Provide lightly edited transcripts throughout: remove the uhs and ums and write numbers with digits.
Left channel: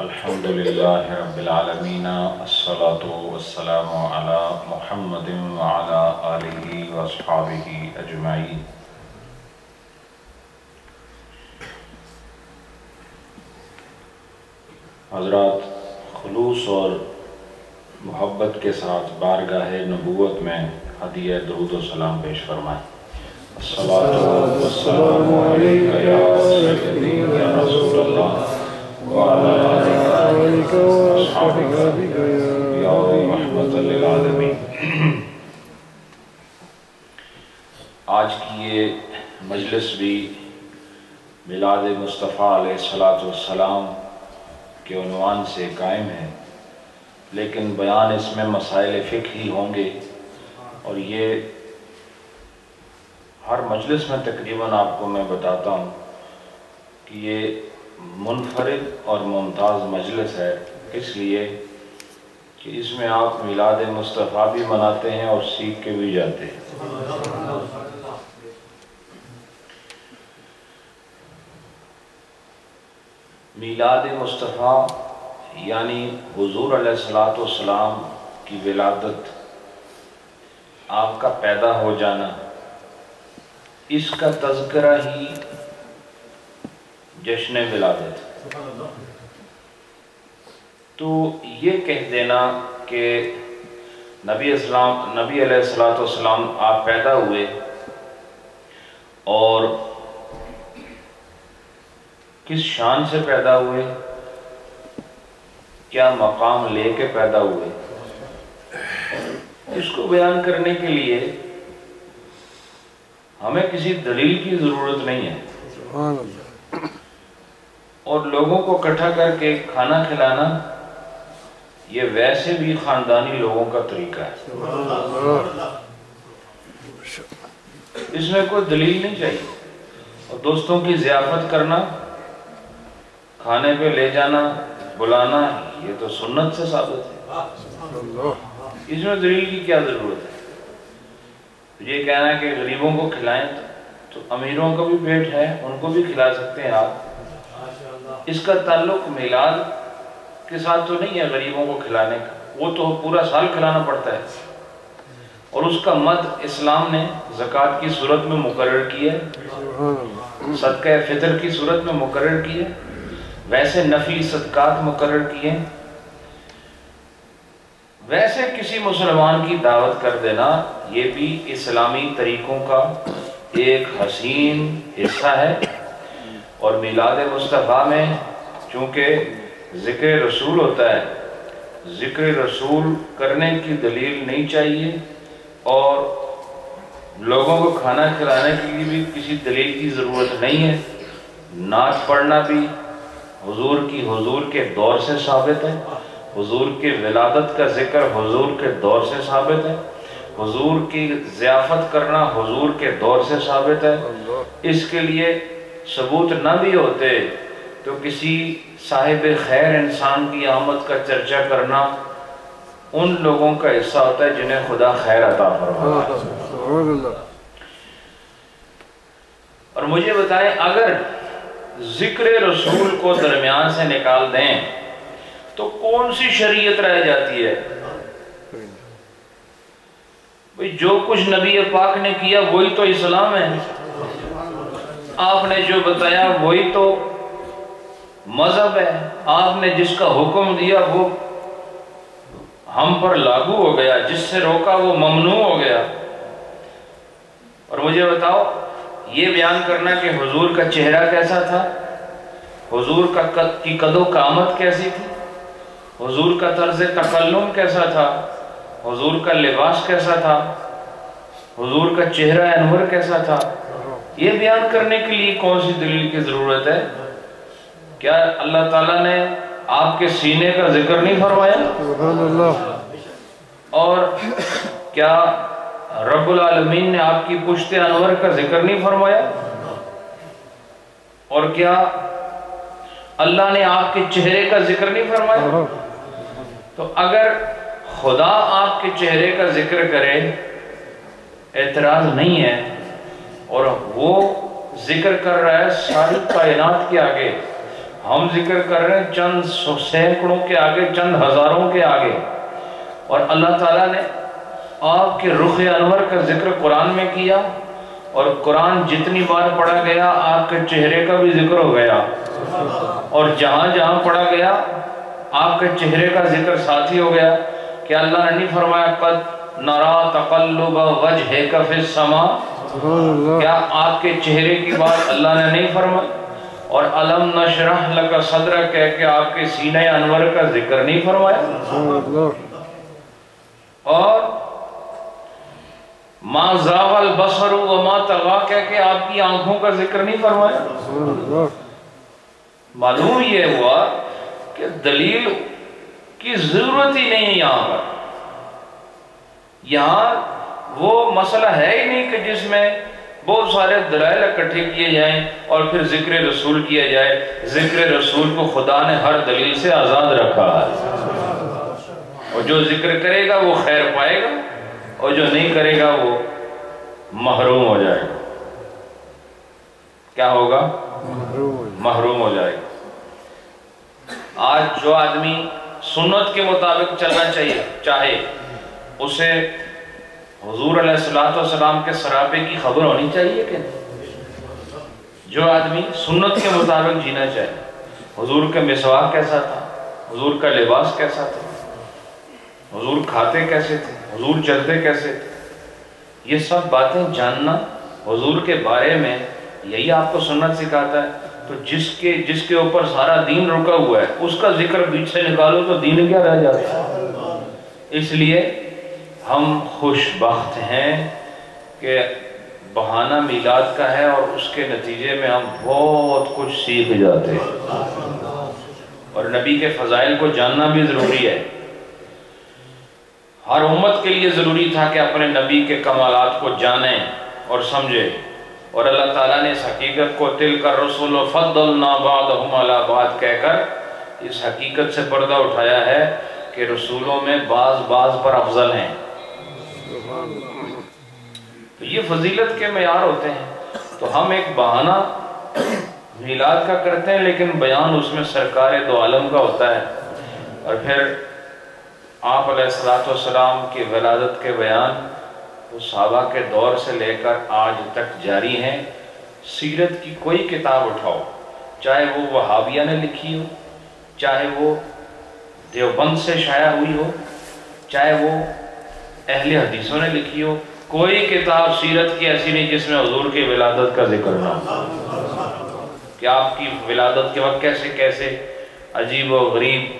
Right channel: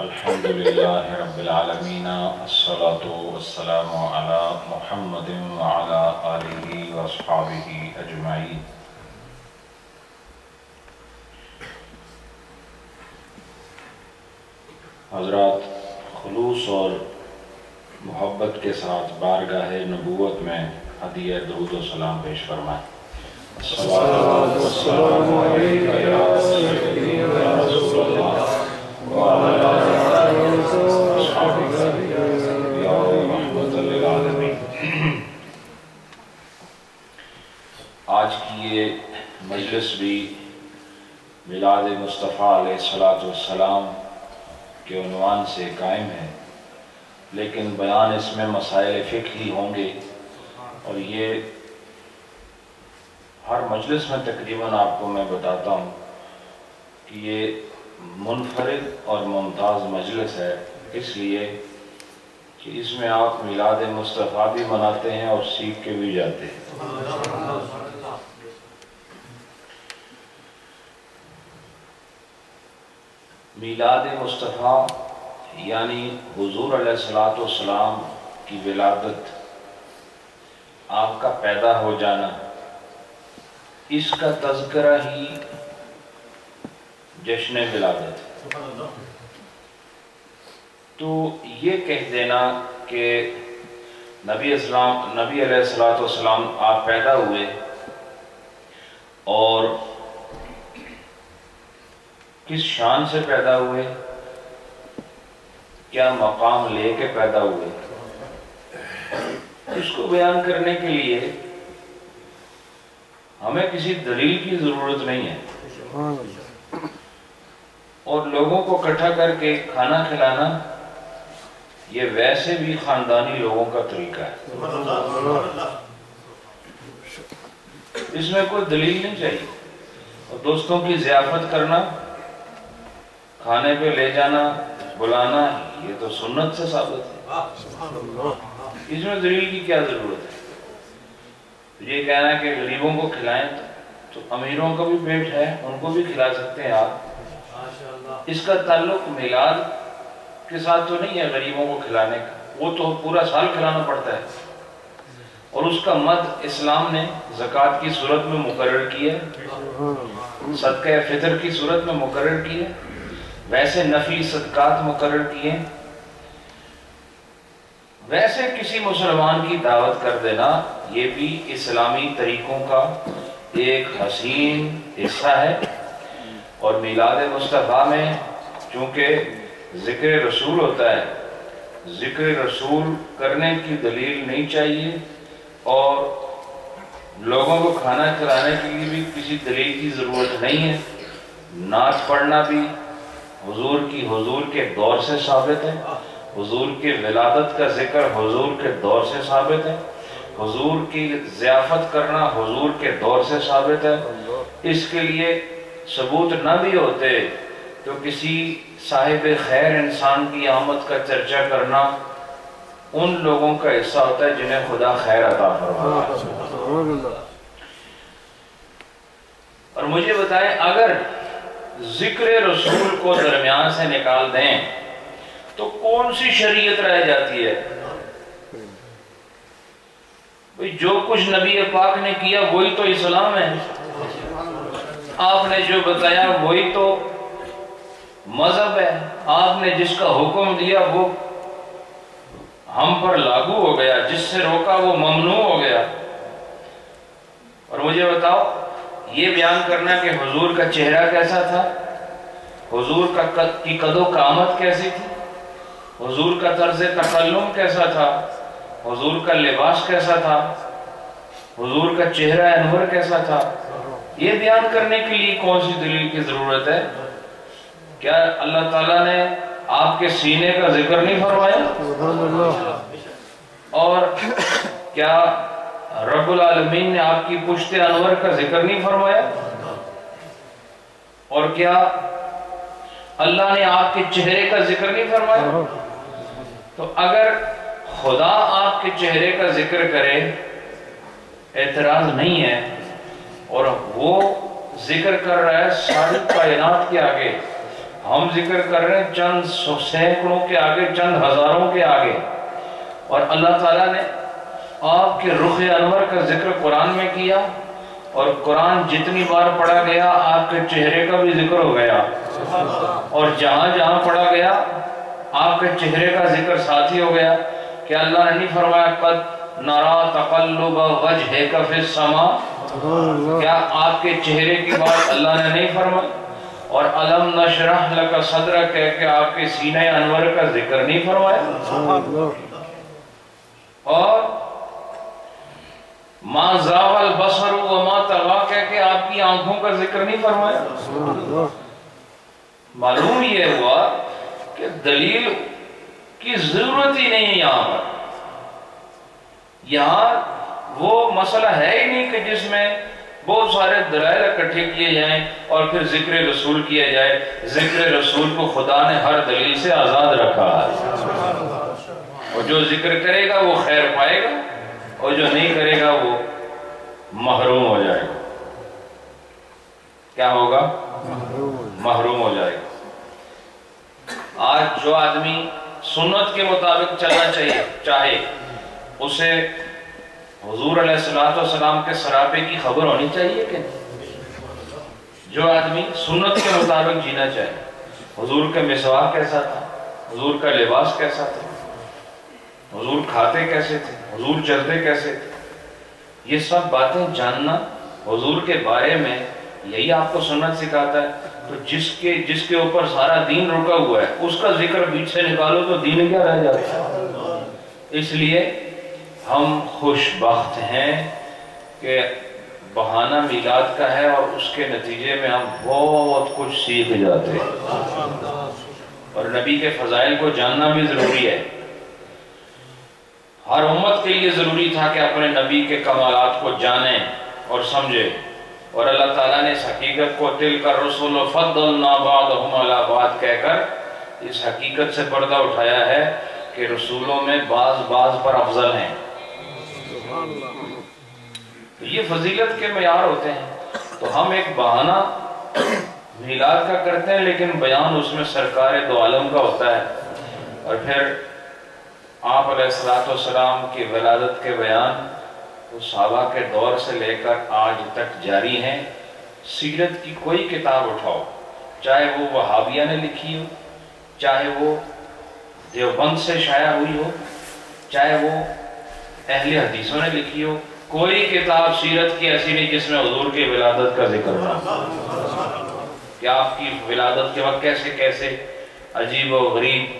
الحمدللہ رب العالمین الصلاة والسلام علی محمد وعلی آلہ واصحابہ اجمعین۔ حضرات، خلوص اور محبت کے ساتھ بارگاہ نبوت میں ہدیہ درود و سلام پیش فرمائیں۔ الصلاۃ والسلام علیک یا سیدی یا رسول اللہ وعلی آلک واصحابک یا رحمت للعالمین۔ آج کی یہ مجلس بھی میلاد مصطفیٰ علیہ السلام کے عنوان سے قائم ہے، لیکن بیان اس میں مسائل فقہی ہوں گے، اور یہ ہر مجلس میں تقریباً آپ کو میں بتاتا ہوں کہ یہ منفرد اور ممتاز مجلس ہے، اس لیے کہ اس میں آپ میلاد مصطفیٰ بھی مناتے ہیں اور سیکھ کے بھی جاتے ہیں۔ میلاد مصطفیٰ یعنی حضور علیہ السلام کی ولادت، آپ کا پیدا ہو جانا، اس کا تذکرہ ہی جشن ولادت۔ تو یہ کہہ دینا کہ نبی علیہ السلام آپ پیدا ہوئے اور کس شان سے پیدا ہوئے، کیا مقام لے کے پیدا ہوئے، اس کو بیان کرنے کے لیے ہمیں کسی دلیل کی ضرورت نہیں ہے، اور لوگوں کو اکٹھا کر کے کھانا کھلانا یہ ویسے بھی خاندانی لوگوں کا طریقہ ہے، اس میں کوئی دلیل نہیں چاہیے۔ اور دوستوں کی ضیافت کرنا، کھانے پہ لے جانا، بلانا، یہ تو سنت سے ثابت ہے، اس میں دلیل کی کیا ضرورت ہے؟ یہ کہنا ہے کہ غریبوں کو کھلائیں، تو امیروں کا بھی پیٹ ہے، ان کو بھی کھلا سکتے ہیں آپ۔ اس کا تعلق میلاد کے ساتھ تو نہیں ہے غریبوں کو کھلانے کا، وہ تو پورا سال کھلانا پڑتا ہے، اور اس کا مد اسلام نے زکوٰۃ کی صورت میں مقرر کیا، صدقہ فطر کی صورت میں مقرر کیا، ویسے نفلی صدقات مقرر کیے۔ ویسے کسی مسلمان کی دعوت کر دینا یہ بھی اسلامی طریقوں کا ایک حسین حصہ ہے، اور میلاد مصطفیٰ میں چونکہ ذکر رسول ہوتا ہے، ذکر رسول کرنے کی دلیل نہیں چاہیے، اور لوگوں کو کھانا کھلانے کے لیے بھی کسی دلیل کی ضرورت نہیں ہے۔ نعت پڑھنا بھی حضور کے دور سے ثابت ہے، حضور کی ولادت کا ذکر حضور کے دور سے ثابت ہے، حضور کی ضیافت کرنا حضور کے دور سے ثابت ہے۔ اس کے لیے ثبوت نہ بھی ہوتے تو کسی صاحب خیر انسان کی آمد کا چرچا کرنا ان لوگوں کا حصہ ہوتا ہے جنہیں خدا خیر عطا فرمائے۔ اور مجھے بتائیں، اگر ذکر رسول کو درمیان سے نکال دیں تو کون سی شریعت رہ جاتی ہے؟ بھئی جو کچھ نبی پاک نے کیا وہی تو اسلام ہے، آپ نے جو بتایا وہی تو مذہب ہے، آپ نے جس کا حکم دیا وہ ہم پر لاگو ہو گیا، جس سے روکا وہ ممنوع ہو گیا۔ اور مجھے بتاؤ، یہ بیان کرنا کہ حضور کا چہرہ کیسا تھا، حضور کی قد و قامت کیسی تھی، حضور کا طرز تکلم کیسا تھا، حضور کا لباس کیسا تھا، حضور کا چہرہ انور کیسا تھا، یہ بیان کرنے کے لیے کون سی دلیل کی ضرورت ہے؟ کیا اللہ تعالیٰ نے آپ کے سینے کا ذکر نہیں فرمایا؟ اور کیا رب العالمین نے آپ کی پشت انور کا ذکر نہیں فرمایا؟ اور کیا اللہ نے آپ کے چہرے کا ذکر نہیں فرمایا؟ تو اگر خدا آپ کے چہرے کا ذکر کرے، اعتراض نہیں ہے، اور وہ ذکر کر رہا ہے ساری کائنات کے آگے، ہم ذکر کر رہے ہیں چند سینکڑوں کے آگے، چند ہزاروں کے آگے، اور اللہ تعالیٰ نے آپ کے رخ انور کا ذکر قرآن میں کیا، اور قرآن جتنی بار پڑھا گیا آپ کے چہرے کا بھی ذکر ہو گیا، اور جہاں جہاں پڑھا گیا آپ کے چہرے کا ذکر ساتھ ہی ہو گیا۔ کہ اللہ نے نہیں فرمایا قد نرا تقلب وجہک فی السماء؟ کیا آپ کے چہرے کی بات اللہ نے نہیں فرمائی؟ اور الم نشرح لک صدرک کہہ کے آپ کے سینہ انور کا ذکر نہیں فرمایا؟ اور ما زاغ البصر وما طغى کہہ کے آپ کی آنکھوں کا ذکر نہیں فرمایا؟ معلوم یہ ہوا کہ دلیل کی ضرورت ہی نہیں ہے یہاں پر۔ یہاں وہ مسئلہ ہے ہی نہیں کہ جس میں بہت سارے دلائل اکٹھے کیے جائیں اور پھر ذکر رسول کیا جائے۔ ذکر رسول کو خدا نے ہر دلیل سے آزاد رکھا ہے، اور جو ذکر کرے گا وہ خیر پائے گا، اور جو نہیں کرے گا وہ محروم ہو جائے گا۔ کیا ہوگا؟ محروم ہو جائے گا۔ آج جو آدمی سنت کے مطابق چلنا چاہے اسے حضور علیہ السلام کے سراپے کی خبر ہونی چاہیے کہ نہیں؟ جو آدمی سنت کے مطابق جینا چاہے، حضور کا مسواک کیسا تھا، حضور کا لباس کیسا تھا، حضور کھاتے کیسے تھے، حضور چلتے کیسے تھے، یہ سب باتیں جاننا حضور کے بارے میں، یہی آپ کو سنت سکھاتا ہے۔ تو جس کے اوپر سارا دین رکا ہوا ہے اس کا ذکر بیچ سے نکالو تو دین کیا رہ جاتا ہے؟ اس لیے ہم خوش بخت ہیں کہ بہانہ میلاد کا ہے، اور اس کے نتیجے میں ہم بہت کچھ سیکھ جاتے ہیں، اور نبی کے فضائل کو جاننا بھی ضروری ہے۔ ہر امت کے لیے ضروری تھا کہ اپنے نبی کے کمالات کو جانیں اور سمجھیں، اور اللہ تعالیٰ نے اس حقیقت کو تِلْکَ الرُّسُلُ فَضَّلْنَا بَعْضَهُمْ عَلَىٰ بَعْضٍ کہہ کر اس حقیقت سے پردہ اٹھایا ہے کہ رسولوں میں بعض پر افضل ہیں۔ تو یہ فضیلت کے معیار ہوتے ہیں۔ تو ہم ایک بہانہ میلاد کا کرتے ہیں، لیکن بیان اس میں سرکار دو عالم کا ہوتا ہے، اور پھر آپ علیہ السلام کی ولادت کے بیان وہ صحابہ کے دور سے لے کر آج تک جاری ہیں۔ سیرت کی کوئی کتاب اٹھاؤ، چاہے وہ وہابیہ نے لکھی ہو، چاہے وہ دیوبند سے شائع ہوئی ہو، چاہے وہ اہل حدیثوں نے لکھی ہو، کوئی کتاب سیرت کی ایسی نہیں جس میں حضور کی ولادت کا ذکر نہ ہو، کہ آپ کی ولادت کے وقت کیسے کیسے عجیب و غریب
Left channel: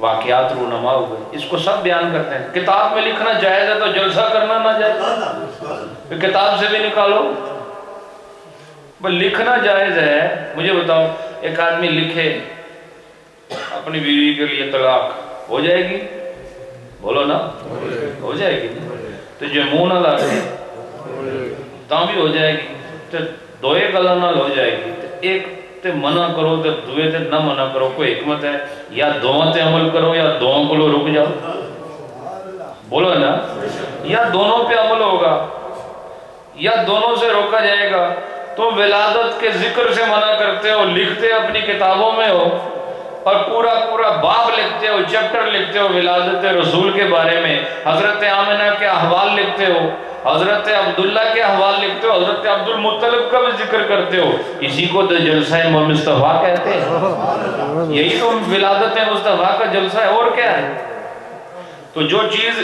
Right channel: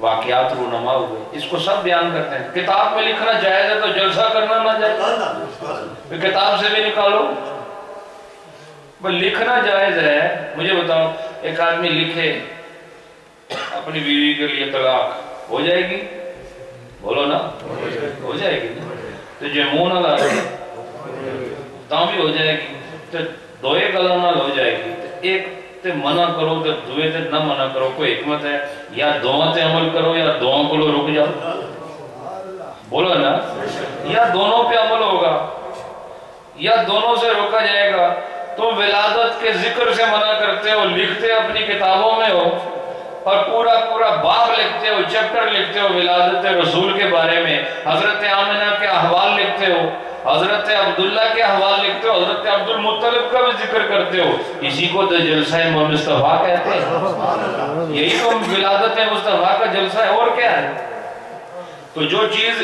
واقعات رونما ہوئے، اس کو سب بیان کرتے ہیں۔ کتاب میں لکھنا جائز ہے تو جلسہ کرنا نہ جائز، کتاب سے بھی نکالو، بس لکھنا جائز ہے۔ مجھے بتاؤ، ایک آدمی لکھے اپنی بیوی کے لیے طلاق، ہو جائے گی؟ بولو نا، ہو جائے گی؟ تو جو منہ نہ لاتے تاں بھی ہو جائے گی، تو دوئے گلا نہ ہو جائے گی، ایک تے منع کرو تے دوئے تے نہ منع کرو، کوئی حکمت ہے؟ یا دونوں تے عمل کرو یا دونوں کو لو رک جاؤ، بولو نا، یا دونوں پہ عمل ہوگا یا دونوں سے روکا جائے گا۔ تو ولادت کے ذکر سے منع کرتے ہو، لکھتے اپنی کتابوں میں ہو، اور پورا باب لکھتے ہو، چیپٹر لکھتے ہو ولادت رسول کے بارے میں، حضرت آمنہ کے احوال لکھتے ہو، حضرت عبداللہ کے احوال لکھتے ہو، حضرت عبد المطلب کا بھی ذکر کرتے ہو، اسی کو تو جلسہ مصطفیٰ کہتے ہیں۔ یہی تو ولادت مصطفیٰ کا جلسہ ہے، اور کیا ہے؟ تو جو چیز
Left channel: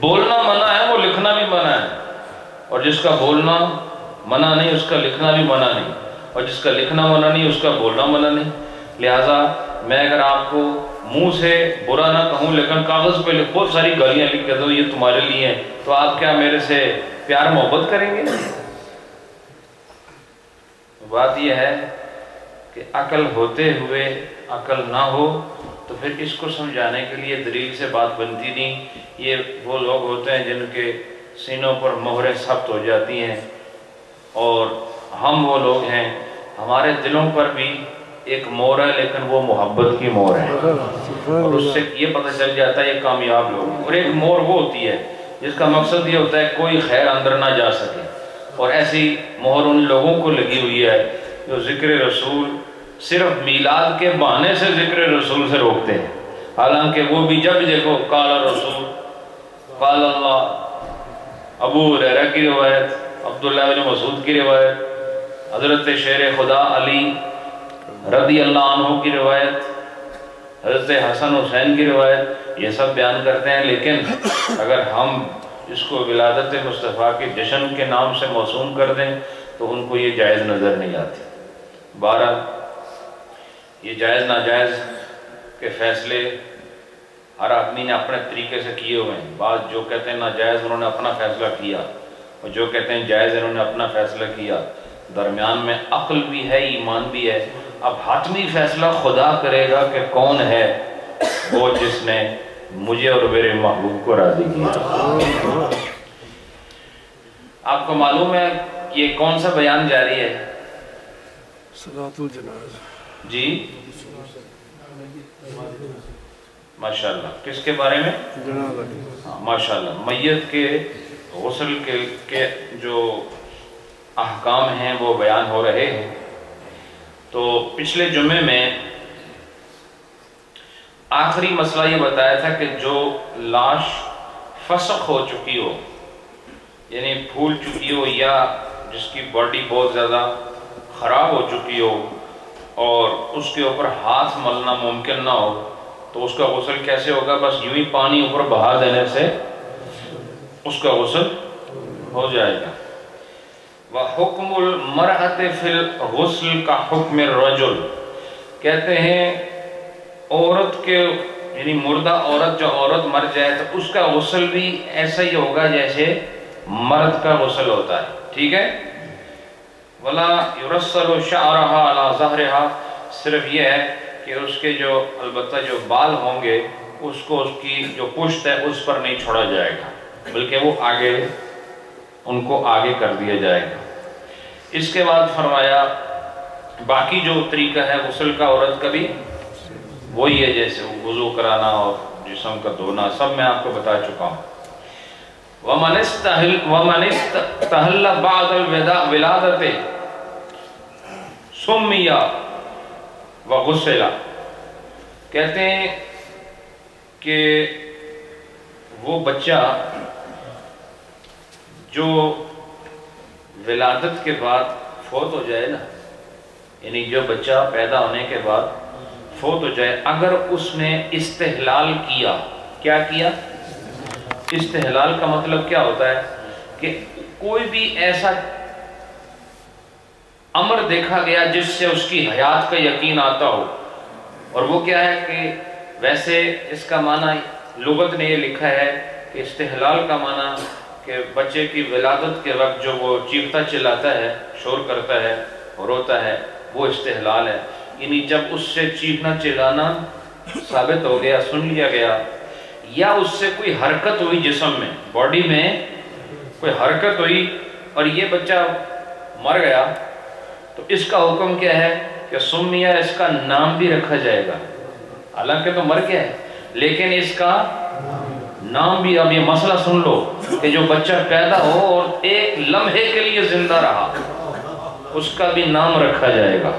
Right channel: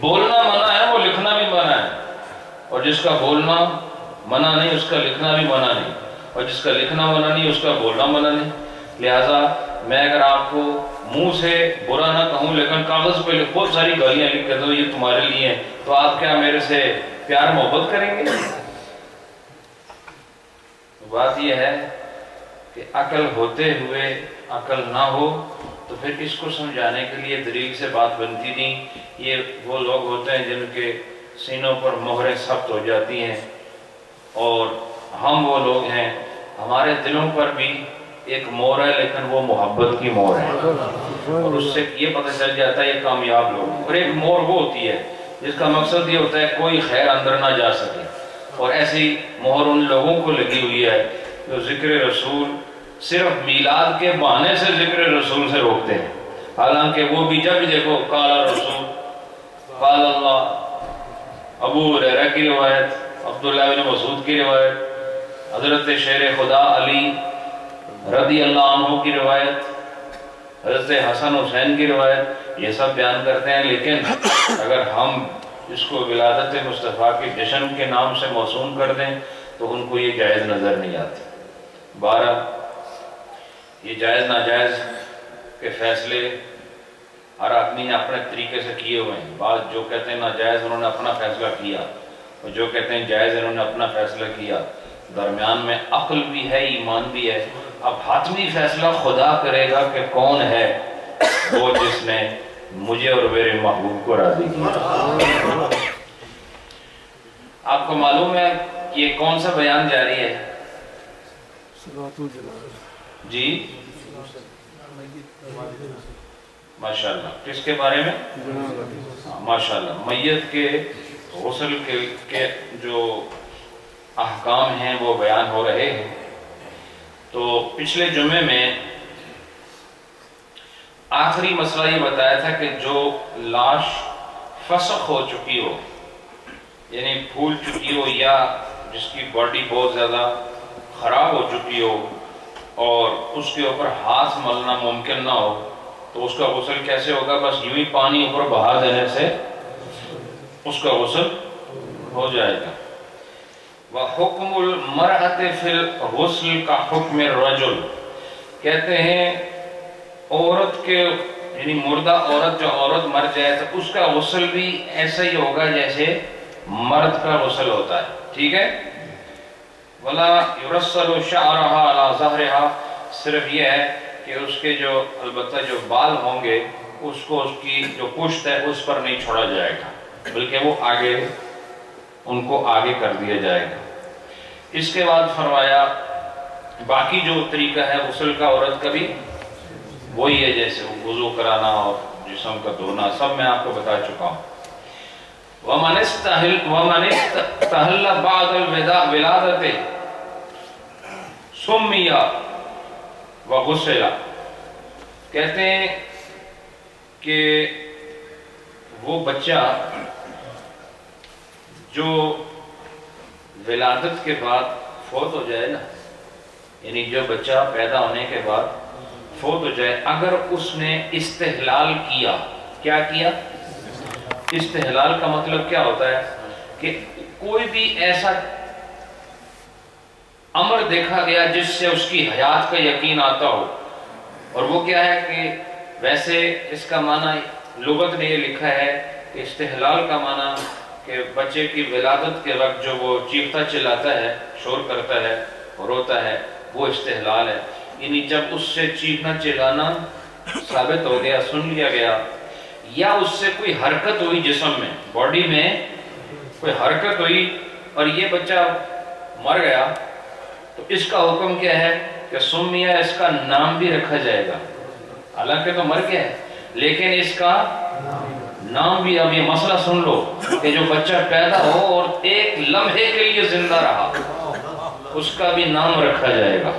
بولنا منع ہے وہ لکھنا بھی منع ہے، اور جس کا بولنا منع نہیں اس کا لکھنا بھی منع نہیں، اور جس کا لکھنا منع نہیں اس کا بولنا منع نہیں۔ لہٰذا میں اگر آپ کو منہ سے برا نہ کہوں لیکن کاغذ پہ بہت ساری گالیاں لکھ کہتا ہوں یہ تمہارے لیے ہیں، تو آپ کیا میرے سے پیار محبت کریں گے؟ بات یہ ہے کہ عقل ہوتے ہوئے عقل نہ ہو تو پھر اس کو سمجھانے کے لیے دلیل سے بات بنتی نہیں۔ یہ وہ لوگ ہوتے ہیں جن کے سینوں پر مہریں سخت ہو جاتی ہیں، اور ہم وہ لوگ ہیں ہمارے دلوں پر بھی ایک مور ہے لیکن وہ محبت کی مور ہے، اور اس سے یہ پتہ چل جاتا ہے یہ کامیاب لوگ۔ اور ایک مور وہ ہوتی ہے جس کا مقصد یہ ہوتا ہے کوئی خیر اندر نہ جا سکے، اور ایسی مہر ان لوگوں کو لگی ہوئی ہے جو ذکر رسول صرف میلاد کے بہانے سے ذکر رسول سے روکتے ہیں، حالانکہ وہ بھی جب دیکھو قال رسول، قال اللہ، ابو ہریرہ کی روایت، عبداللہ بن مسعود کی روایت، حضرت شیر خدا علی رضی اللہ عنہ کی روایت، حضرت حسن حسین کی روایت، یہ سب بیان کرتے ہیں. لیکن اگر ہم اس کو ولادت مصطفیٰ کے جشن کے نام سے موسوم کر دیں تو ان کو یہ جائز نظر نہیں آتی. بہرحال یہ جائز ناجائز کے فیصلے ہر آدمی نے اپنے طریقے سے کیے ہوئے ہیں. بعض جو کہتے ہیں ناجائز انہوں نے اپنا فیصلہ کیا، اور جو کہتے ہیں جائز انہوں نے اپنا فیصلہ کیا. درمیان میں عقل بھی ہے، ایمان بھی ہے. اب حتمی فیصلہ خدا کرے گا کہ کون ہے وہ جس نے مجھے اور میرے محبوب کو راضی کیا. آپ کو معلوم ہے کہ یہ کون سا بیان جاری ہے؟ صلاۃ الجنازہ جی ماشاءاللہ. کس کے بارے میں؟ ماشاءاللہ میت کے غسل کے جو احکام ہیں وہ بیان ہو رہے ہیں. تو پچھلے جمعے میں آخری مسئلہ یہ بتایا تھا کہ جو لاش فسخ ہو چکی ہو، یعنی پھول چکی ہو، یا جس کی باڈی بہت زیادہ خراب ہو چکی ہو اور اس کے اوپر ہاتھ ملنا ممکن نہ ہو، تو اس کا غسل کیسے ہوگا؟ بس یوں ہی پانی اوپر بہا دینے سے اس کا غسل ہو جائے گا. وَحُکْمُ الْمَرْأَةِ فِي الْغُسْلِ كَحُکْمِ الرَّجُلِ، کہتے ہیں عورت کے، یعنی مردہ عورت، جو عورت مر جائے تو اس کا غسل بھی ایسا ہی ہوگا جیسے مرد کا غسل ہوتا ہے. ٹھیک ہے؟ وَلَا يُرَسَّلُ شَعْرَهَا عَلَى ظَهْرِهَا، صرف یہ ہے کہ اس کے جو البتہ جو بال ہوں گے اس کو اس کی جو پشت ہے اس پر نہیں چھوڑا جائے گا، بلکہ وہ آگے ان کو آگے کر دیا جائے گا. اس کے بعد فرمایا باقی جو طریقہ ہے غسل کا عورت کا بھی وہی ہے، جیسے وضو کرانا اور جسم کا دھونا، سب میں آپ کو بتا چکا ہوں. وَمَنِ اسْتَحَلَّ بَعْدَ الْوِلَادَةِ سُمِّيَ وَغُسِلَ، کہتے ہیں کہ وہ بچہ جو ولادت کے بعد فوت ہو جائے نا، یعنی جو بچہ پیدا ہونے کے بعد فوت ہو جائے، اگر اس نے استحلال کیا، کیا کیا؟ استحلال کا مطلب کیا ہوتا ہے کہ کوئی بھی ایسا امر دیکھا گیا جس سے اس کی حیات کا یقین آتا ہو. اور وہ کیا ہے کہ ویسے اس کا معنی لغت نے یہ لکھا ہے کہ استحلال کا معنی کہ بچے کی ولادت کے وقت جو وہ چیختا چلاتا ہے، شور کرتا ہے، روتا ہے، وہ استحلال ہے. یعنی جب اس سے چیخنا چلانا ثابت ہو گیا، سن لیا گیا، یا اس سے کوئی حرکت ہوئی جسم میں، باڈی میں کوئی حرکت ہوئی اور یہ بچہ مر گیا، تو اس کا حکم کیا ہے کہ سمیہ، اس کا نام بھی رکھا جائے گا. حالانکہ تو مر گیا ہے لیکن اس کا نام بھی. اب یہ مسئلہ سن لو کہ جو بچہ پیدا ہو اور ایک لمحے کے لیے زندہ رہا، اس کا بھی نام رکھا جائے گا.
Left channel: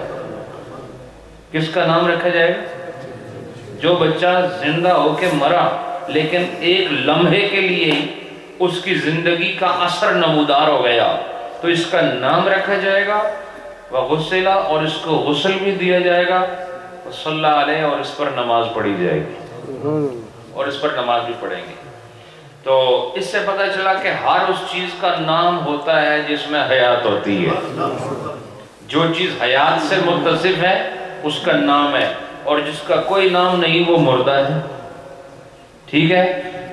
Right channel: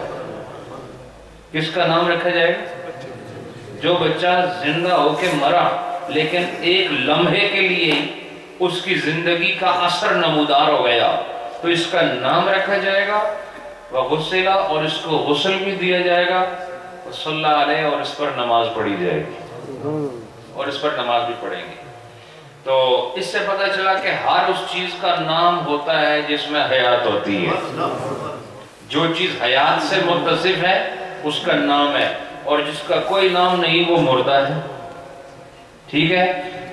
کس کا نام رکھا جائے گا؟ جو بچہ زندہ ہو کے مرا لیکن ایک لمحے کے لیے اس کی زندگی کا اثر نمودار ہو گیا، تو اس کا نام رکھا جائے گا. وغسلہ، اور اس کو غسل بھی دیا جائے گا. صلی اللہ علیہ، اور اس پر نماز پڑھی جائے گی، اور اس پر نماز بھی پڑھیں گے. تو اس سے پتہ چلا کہ ہر اس چیز کا نام ہوتا ہے جس میں حیات ہوتی ہے. جو چیز حیات سے متصف ہے اس کا نام ہے، اور جس کا کوئی نام نہیں وہ مردہ ہے. ٹھیک ہے؟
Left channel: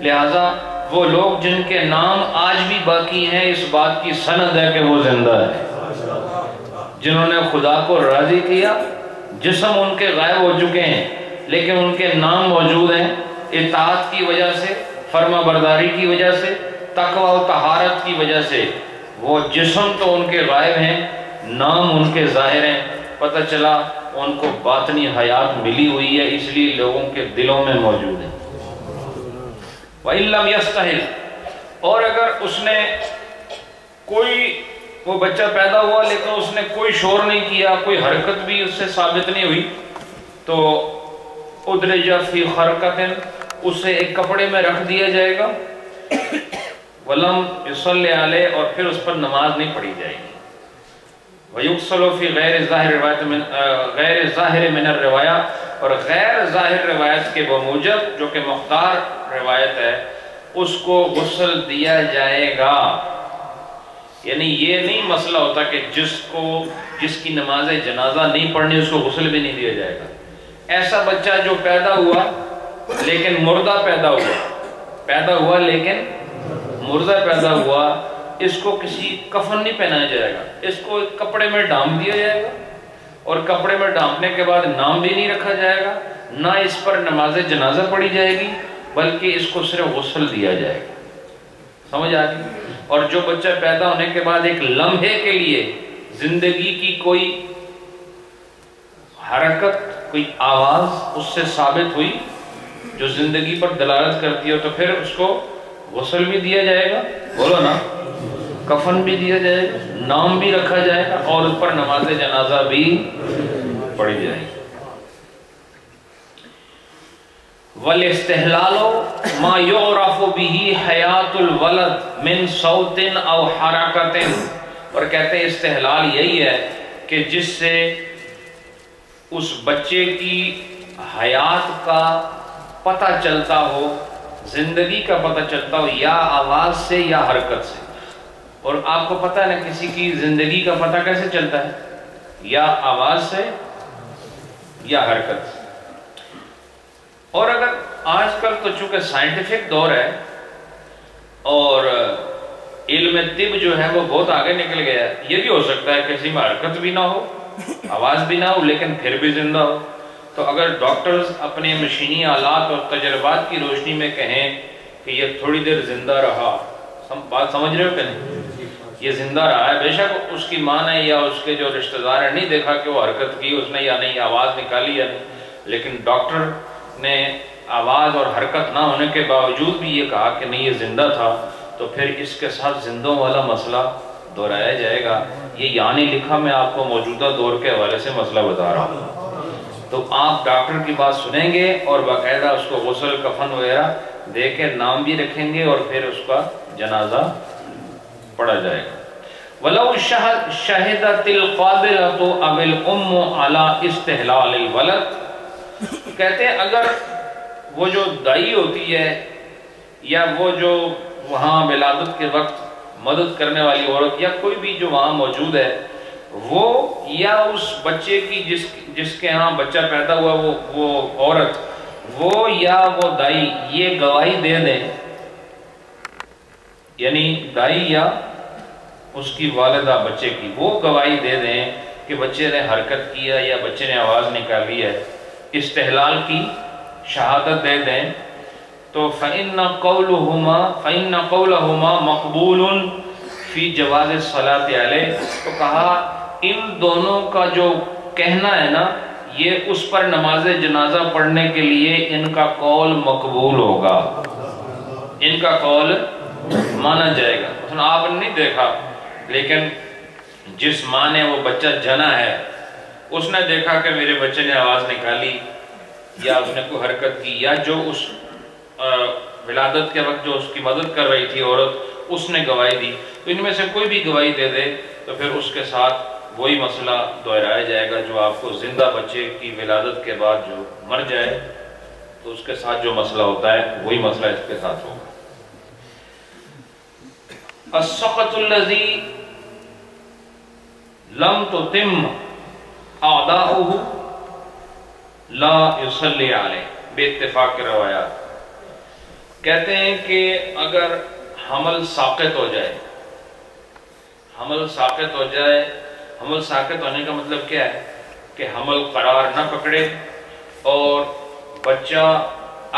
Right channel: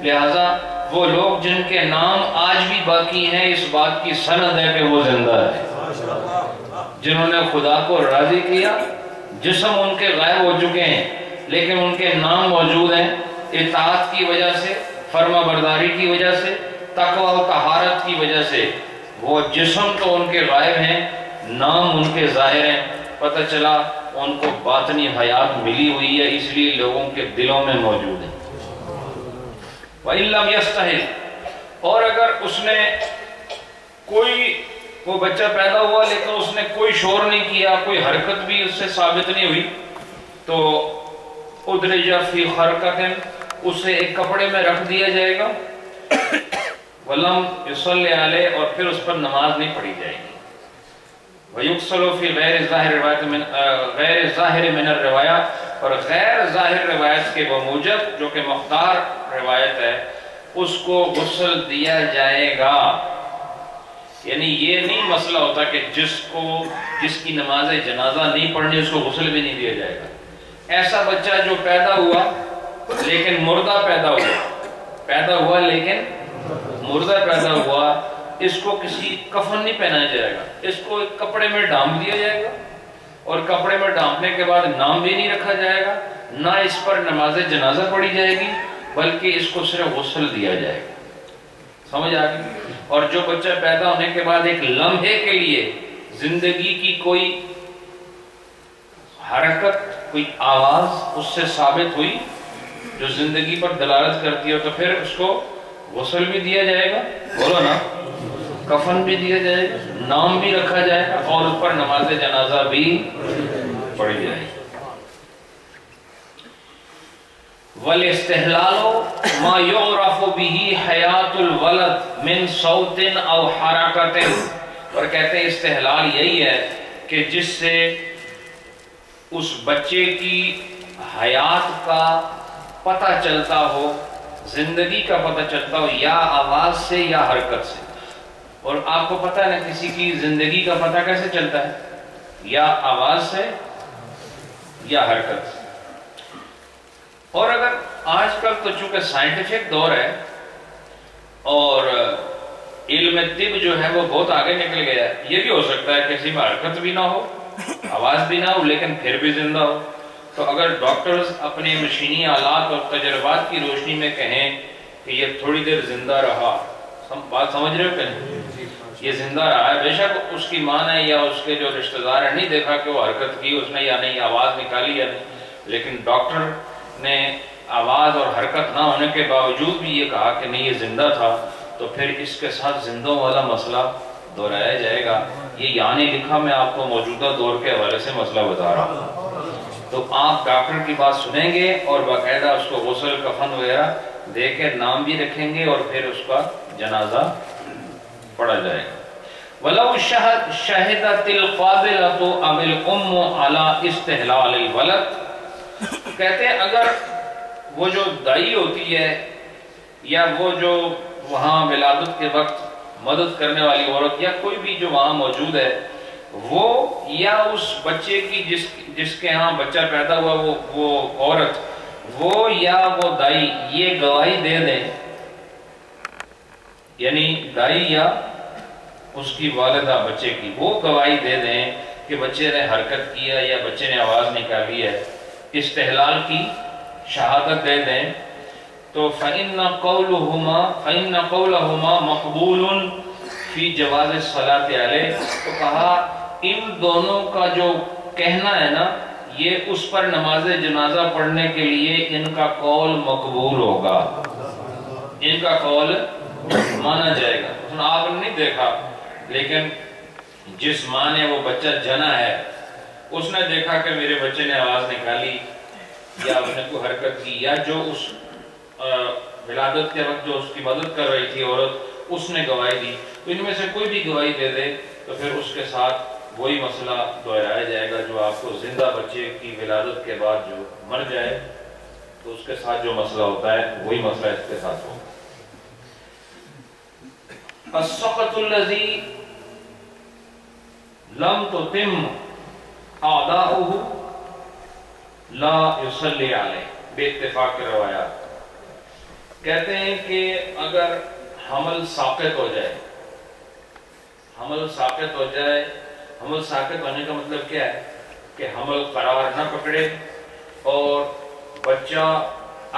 لہٰذا وہ لوگ جن کے نام آج بھی باقی ہیں، اس بات کی سند ہے کہ وہ زندہ ہے. جنہوں نے خدا کو راضی کیا، جسم ان کے غائب ہو چکے ہیں لیکن ان کے نام موجود ہیں، اطاعت کی وجہ سے، فرما برداری کی وجہ سے، تقوی و طہارت کی وجہ سے. وہ جسم تو ان کے غائب ہیں، نام ان کے ظاہر ہیں. پتہ چلا ان کو باطنی حیات ملی ہوئی ہے، اس لیے لوگوں کے دلوں میں موجود ہے. وَإِن لَمْ يَسْتَحِلْ، اور اگر اس نے کوئی وہ بچہ پیدا ہوا لیکن اس نے کوئی شور نہیں کیا، کوئی حرکت بھی اس سے ثابت نہیں ہوئی، تو ادرج فی خرقۃ، اسے ایک کپڑے میں رکھ دیا جائے گا، ولم یصلی علیہ، اور پھر اس پر نماز نہیں پڑھی جائے گی، ویغسل فی غیر ظاہر من الروایہ، اور غیر ظاہر روایت کے بموجب جو کہ مختار روایت ہے اس کو غسل دیا جائے گا۔ یعنی یہ نہیں مسئلہ ہوتا کہ جس کی نماز جنازہ نہیں پڑھنی اس کو غسل بھی نہیں دیا جائے گا۔ ایسا بچہ جو پیدا ہوا لیکن مردہ پیدا ہوا لیکن مردہ پیدا ہوا، اس کو کسی کفن نہیں پہنایا جائے گا، اس کو ایک کپڑے میں ڈھانپ دیا جائے گا، اور کپڑے میں ڈھانپنے کے بعد نام بھی نہیں رکھا جائے گا، نہ اس پر نماز جنازہ پڑھی جائے گی، بلکہ اس کو صرف غسل دیا جائے گا۔ سمجھ آ گئی؟ اور جو بچہ پیدا ہونے کے بعد ایک لمحے کے لیے زندگی کی کوئی حرکت، کوئی آواز اس سے ثابت ہوئی جو زندگی پر دلالت کرتی ہے، تو پھر اس کو غسل بھی دیا جائے گا، بولو نا، کفن بھی دیا جائے گا، نام بھی رکھا جائے گا، اور اس پر نماز جنازہ بھی پڑھی جائے گی۔ وَالْإِسْتِحْلَالُ مَا يُعْرَفُ بِهِ حَيَاةُ الْوَلَدِ مِنْ صَوْتٍ أَوْ حَرَكَةٍ، اور کہتے ہیں استحلال یہی ہے کہ جس سے اس بچے کی حیات کا پتہ چلتا ہو، زندگی کا پتہ چلتا ہو، یا آواز سے یا حرکت سے۔ اور آپ کو پتہ ہے نا کسی کی زندگی کا پتہ کیسے چلتا ہے؟ یا آواز سے یا حرکت سے۔ اور اگر آج کل تو چونکہ سائنٹیفک دور ہے اور علم طب جو ہے وہ بہت آگے نکل گیا ہے، یہ بھی ہو سکتا ہے کسی میں حرکت بھی نہ ہو، آواز بھی نہ ہو، لیکن پھر بھی زندہ ہو۔ تو اگر ڈاکٹرز اپنے مشینی آلات اور تجربات کی روشنی میں کہیں کہ یہ تھوڑی دیر زندہ رہا، بات سمجھ رہے ہو کہ نہیں؟ یہ زندہ رہا ہے، بے شک اس کی ماں نے یا اس کے جو رشتہ دار ہیں نہیں دیکھا کہ وہ حرکت کی اس نے یا نہیں، آواز نکالی یا نہیں، لیکن ڈاکٹر نے آواز اور حرکت نہ ہونے کے باوجود بھی یہ کہا کہ نہیں یہ زندہ تھا، تو پھر اس کے ساتھ زندوں والا مسئلہ دہرایا جائے گا۔ یہ یہاں نہیں لکھا، میں آپ کو موجودہ دور کے حوالے سے مسئلہ بتا رہا ہوں۔ تو آپ ڈاکٹر کی بات سنیں گے اور باقاعدہ اس کو غسل کفن وغیرہ دے کے نام بھی رکھیں گے، اور پھر اس کا جنازہ پڑھا جائے گا۔ وَلَوْ شَهِدَتِ الْقَابِلَةُ أَوِ الْأُمُّ عَلَى اسْتِحْلَالِ الْوَلَدِ، کہتے ہیں اگر وہ جو دائی ہوتی ہے یا وہ جو وہاں ولادت کے وقت مدد کرنے والی عورت یا کوئی بھی جو وہاں موجود ہے، وہ یا اس بچے کی جس کے ہاں بچہ پیدا ہوا وہ عورت، وہ یا وہ دائی یہ گواہی دے دیں، یعنی دائی یا اس کی والدہ بچے کی وہ گواہی دے دیں کہ بچے نے حرکت کیا یا بچے نے آواز نکالی ہے، استحلال کی شہادت دے دیں، تو فَإِنَّ قَوْلَهُمَا مَقْبُولٌ فِي جَوَازِ الصَّلَاةِ عَلَيْهِ، تو کہا ان دونوں کا جو کہنا ہے نا یہ اس پر نماز جنازہ پڑھنے کے لیے ان کا قول مقبول ہوگا، ان کا قول مانا جائے گا۔ آپ نے نہیں دیکھا لیکن جس ماں نے وہ بچہ جنا ہے اس نے دیکھا کہ میرے بچے نے آواز نکالی یا اس نے کوئی حرکت کی، یا جو اس ولادت کے وقت جو اس کی مدد کر رہی تھی عورت اس نے گواہی دی، تو ان میں سے کوئی بھی گواہی دے دے تو پھر اس کے ساتھ وہی مسئلہ دہرایا جائے گا جو آپ کو زندہ بچے کی ولادت کے بعد جو مر جائے تو اس کے ساتھ جو مسئلہ ہوتا ہے وہی مسئلہ اس کے ساتھ ہوگا۔ السقط الذي لم تتم اعداؤه لا يصلي عليه بے اتفاق روایات، کہتے ہیں کہ اگر حمل ساقط ہو جائے، حمل ساقط ہو جائے، حمل ساقط ہونے کا مطلب کیا ہے کہ حمل قرار نہ پکڑے اور بچہ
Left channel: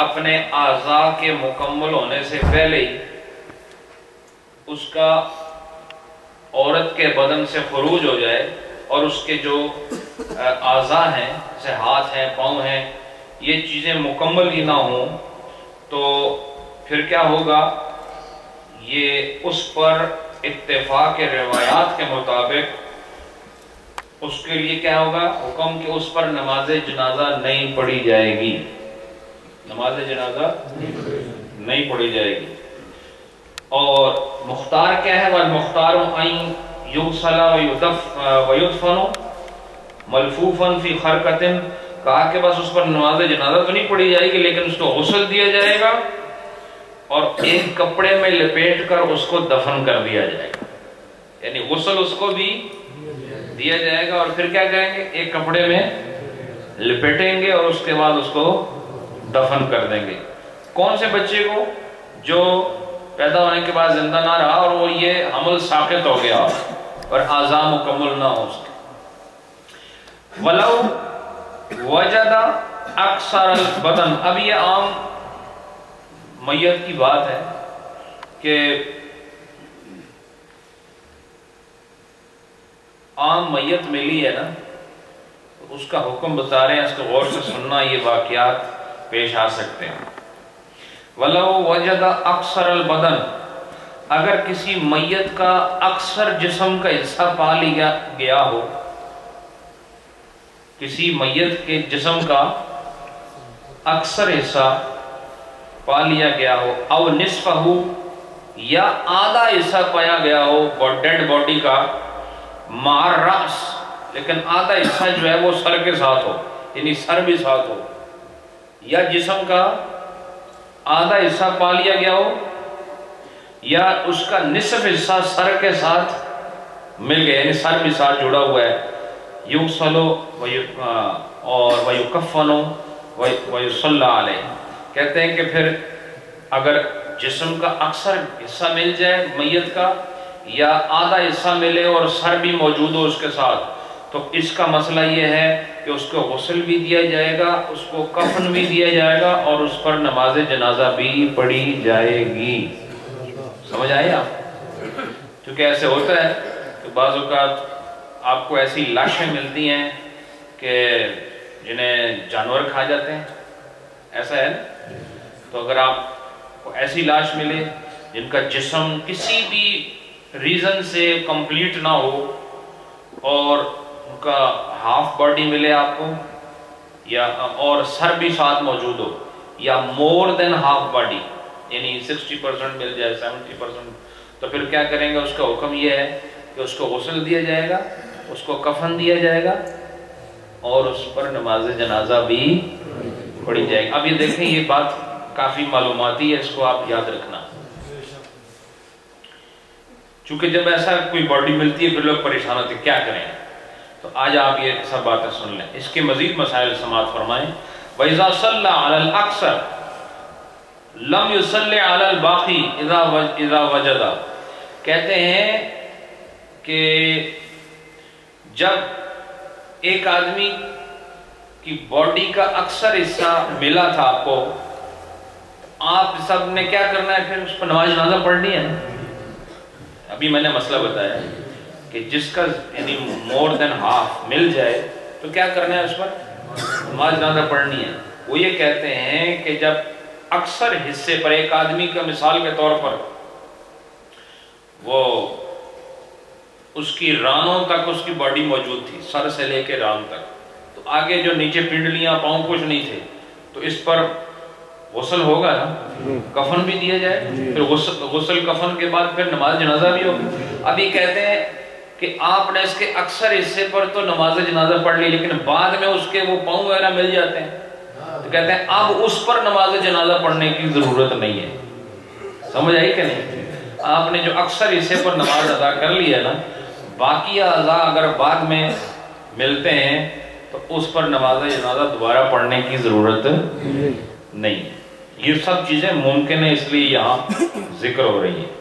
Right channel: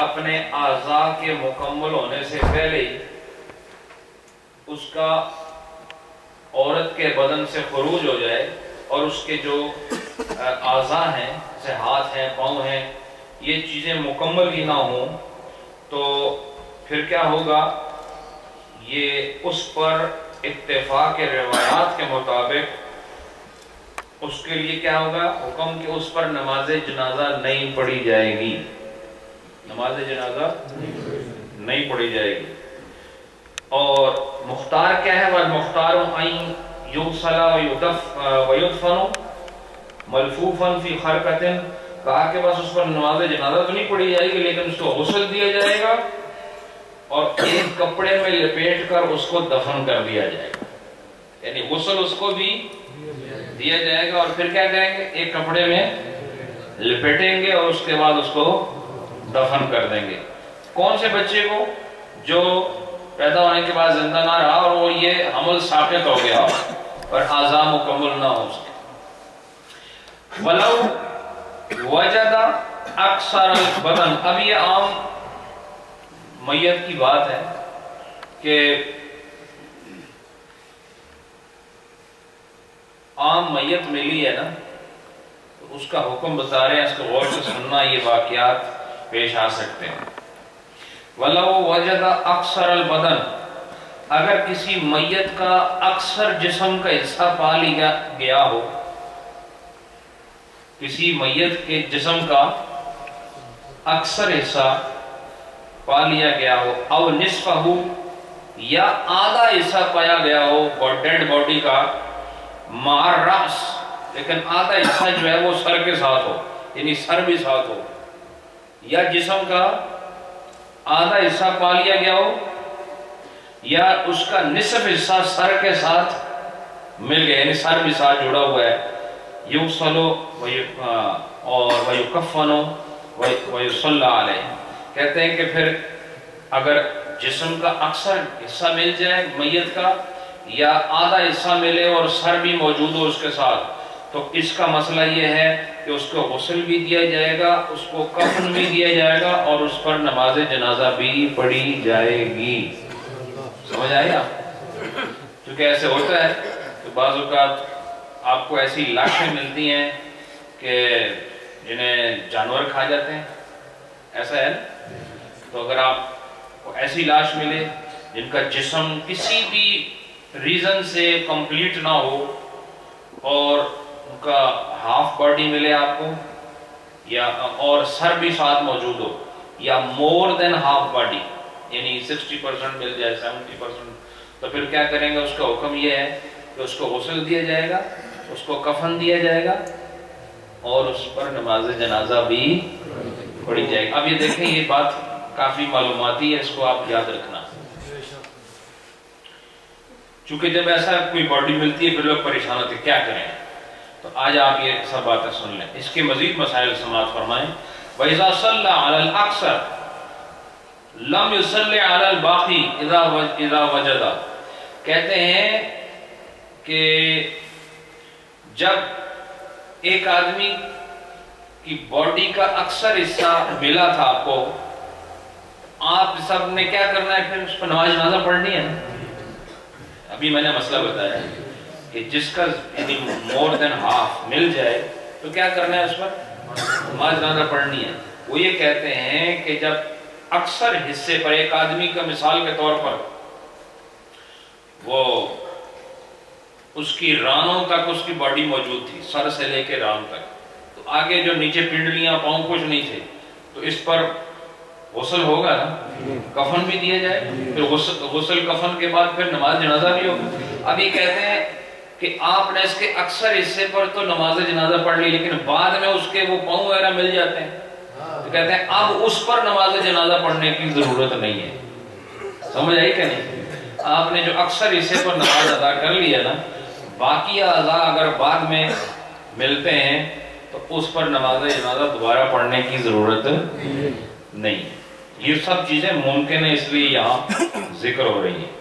اپنے اعضاء کے مکمل ہونے سے پہلے ہی اس کا عورت کے بدن سے خروج ہو جائے اور اس کے جو اعضاء ہیں جیسے ہاتھ ہیں پاؤں ہیں یہ چیزیں مکمل ہی نہ ہوں تو پھر کیا ہوگا، یہ اس پر اتفاق روایات کے مطابق اس کے لیے کیا ہوگا حکم کہ اس پر نماز جنازہ نہیں پڑھی جائے گی، نماز جنازہ نہیں پڑھی جائے گی۔ اور مختار کیا ہے؟ وَالْمُخْتَارُ أَن يُغْسَلَ وَيُدْفَنُ مَلْفُوفًا فِي خَرْقَةٍ، کہا کہ بس اس پر نماز جنازہ تو نہیں پڑھی جائے گی لیکن اس کو غسل دیا جائے گا اور ایک کپڑے میں لپیٹ کر اس کو دفن کر دیا جائے گا، یعنی غسل اس کو بھی دیا جائے گا اور پھر کیا کریں گے؟ ایک کپڑے میں لپیٹیں گے اور اس کے بعد اس کو دفن کر دیں گے۔ کون سے بچے کو؟ جو پیدا ہونے کے بعد زندہ نہ رہا اور وہ یہ حمل ساقط ہو گیا اور اعضاء مکمل نہ ہو اس کے۔ وَلَوْ وَجَدَ أَكْثَرَ الْبَدَنِ، اب یہ عام میت کی بات ہے کہ عام میت ملی ہے نا، اس کا حکم بتا رہے ہیں، اس کو غور سے سننا، یہ واقعات پیش آ سکتے ہیں۔ وَلَوْ وَجَدَ أَكْثَرَ الْبَدَنِ، اگر کسی میت کا اکثر جسم کا حصہ پا لیا گیا ہو، کسی میت کے جسم کا اکثر حصہ پا لیا گیا ہو، او نصفہ، یا آدھا حصہ پایا گیا ہو ڈیڈ باڈی کا، مع الرأس، لیکن آدھا حصہ جو ہے وہ سر کے ساتھ ہو، یعنی سر بھی ساتھ ہو، یا جسم کا آدھا حصہ پا لیا گیا ہو یا اس کا نصف حصہ سر کے ساتھ مل گیا، یعنی سر بھی ساتھ جڑا ہوا ہے، یغسل اور ویکفن ویصلی علیہ، کہتے ہیں کہ پھر اگر جسم کا اکثر حصہ مل جائے میت کا یا آدھا حصہ ملے اور سر بھی موجود ہو اس کے ساتھ، تو اس کا مسئلہ یہ ہے کہ اس کو غسل بھی دیا جائے گا، اس کو کفن بھی دیا جائے گا اور اس پر نماز جنازہ بھی پڑھی جائے گی۔ سمجھ آئے آپ؟ کیونکہ ایسے ہوتا ہے کہ بعض اوقات آپ کو ایسی لاشیں ملتی ہیں کہ جنہیں جانور کھا جاتے ہیں، ایسا ہے نا؟ تو اگر آپ کو ایسی لاش ملے جن کا جسم کسی بھی ریزن سے کمپلیٹ نہ ہو اور ان کا ہاف باڈی ملے آپ کو، یا اور سر بھی ساتھ موجود ہو، یا مور دین ہاف باڈی یعنی 60% مل جائے، 70%، تو پھر کیا کریں گے؟ اس کا حکم یہ ہے کہ اس کو غسل دیا جائے گا، اس کو کفن دیا جائے گا اور اس پر نماز جنازہ بھی پڑھی جائے گی۔ اب یہ دیکھیں، یہ بات کافی معلوماتی ہے، اس کو آپ یاد رکھنا، چونکہ جب ایسا کوئی باڈی ملتی ہے پھر لوگ پریشان ہوتے ہیں کیا کریں، تو آج آپ یہ سب باتیں سن لیں۔ اس کے مزید مسائل سماعت فرمائیں۔ وَإِذَا صَلَّى عَلَى الْأَكْثَرِ لَمْ يُصَلِّ عَلَى الْبَاقِي إِذَا وَجَدَ، کہتے ہیں کہ جب ایک آدمی کی باڈی کا اکثر حصہ ملا تھا آپ کو، آپ سب نے کیا کرنا ہے؟ پھر اس پر نماز جنازہ پڑھنی ہے نا۔ ابھی میں نے مسئلہ بتایا کہ جس کا یعنی مور دین ہاف مل جائے تو کیا کرنا ہے؟ اس پر نماز جنازہ پڑھنی ہے۔ وہ یہ کہتے ہیں کہ جب اکثر حصے پر ایک آدمی کا مثال کے طور پر وہ اس کی رانوں تک اس کی باڈی موجود تھی، سر سے لے کے ران تک، تو آگے جو نیچے پنڈلیاں پاؤں کچھ نہیں تھے، تو اس پر غسل ہوگا نا، کفن بھی دیا جائے، پھر غسل کفن کے بعد پھر نماز جنازہ بھی ہوگی۔ اب یہ کہتے ہیں کہ آپ نے اس کے اکثر حصے پر تو نماز جنازہ پڑھ لی، لیکن بعد میں اس کے وہ پاؤں وغیرہ مل جاتے ہیں، تو کہتے ہیں اب اس پر نماز جنازہ پڑھنے کی ضرورت نہیں ہے۔ سمجھ آئی کہ نہیں؟ آپ نے جو اکثر حصے پر نماز ادا کر لی ہے نا، باقی اعضاء اگر بعد میں ملتے ہیں تو اس پر نماز جنازہ دوبارہ پڑھنے کی ضرورت نہیں۔ یہ سب چیزیں ممکن ہے، اس لیے یہاں ذکر ہو رہی ہیں،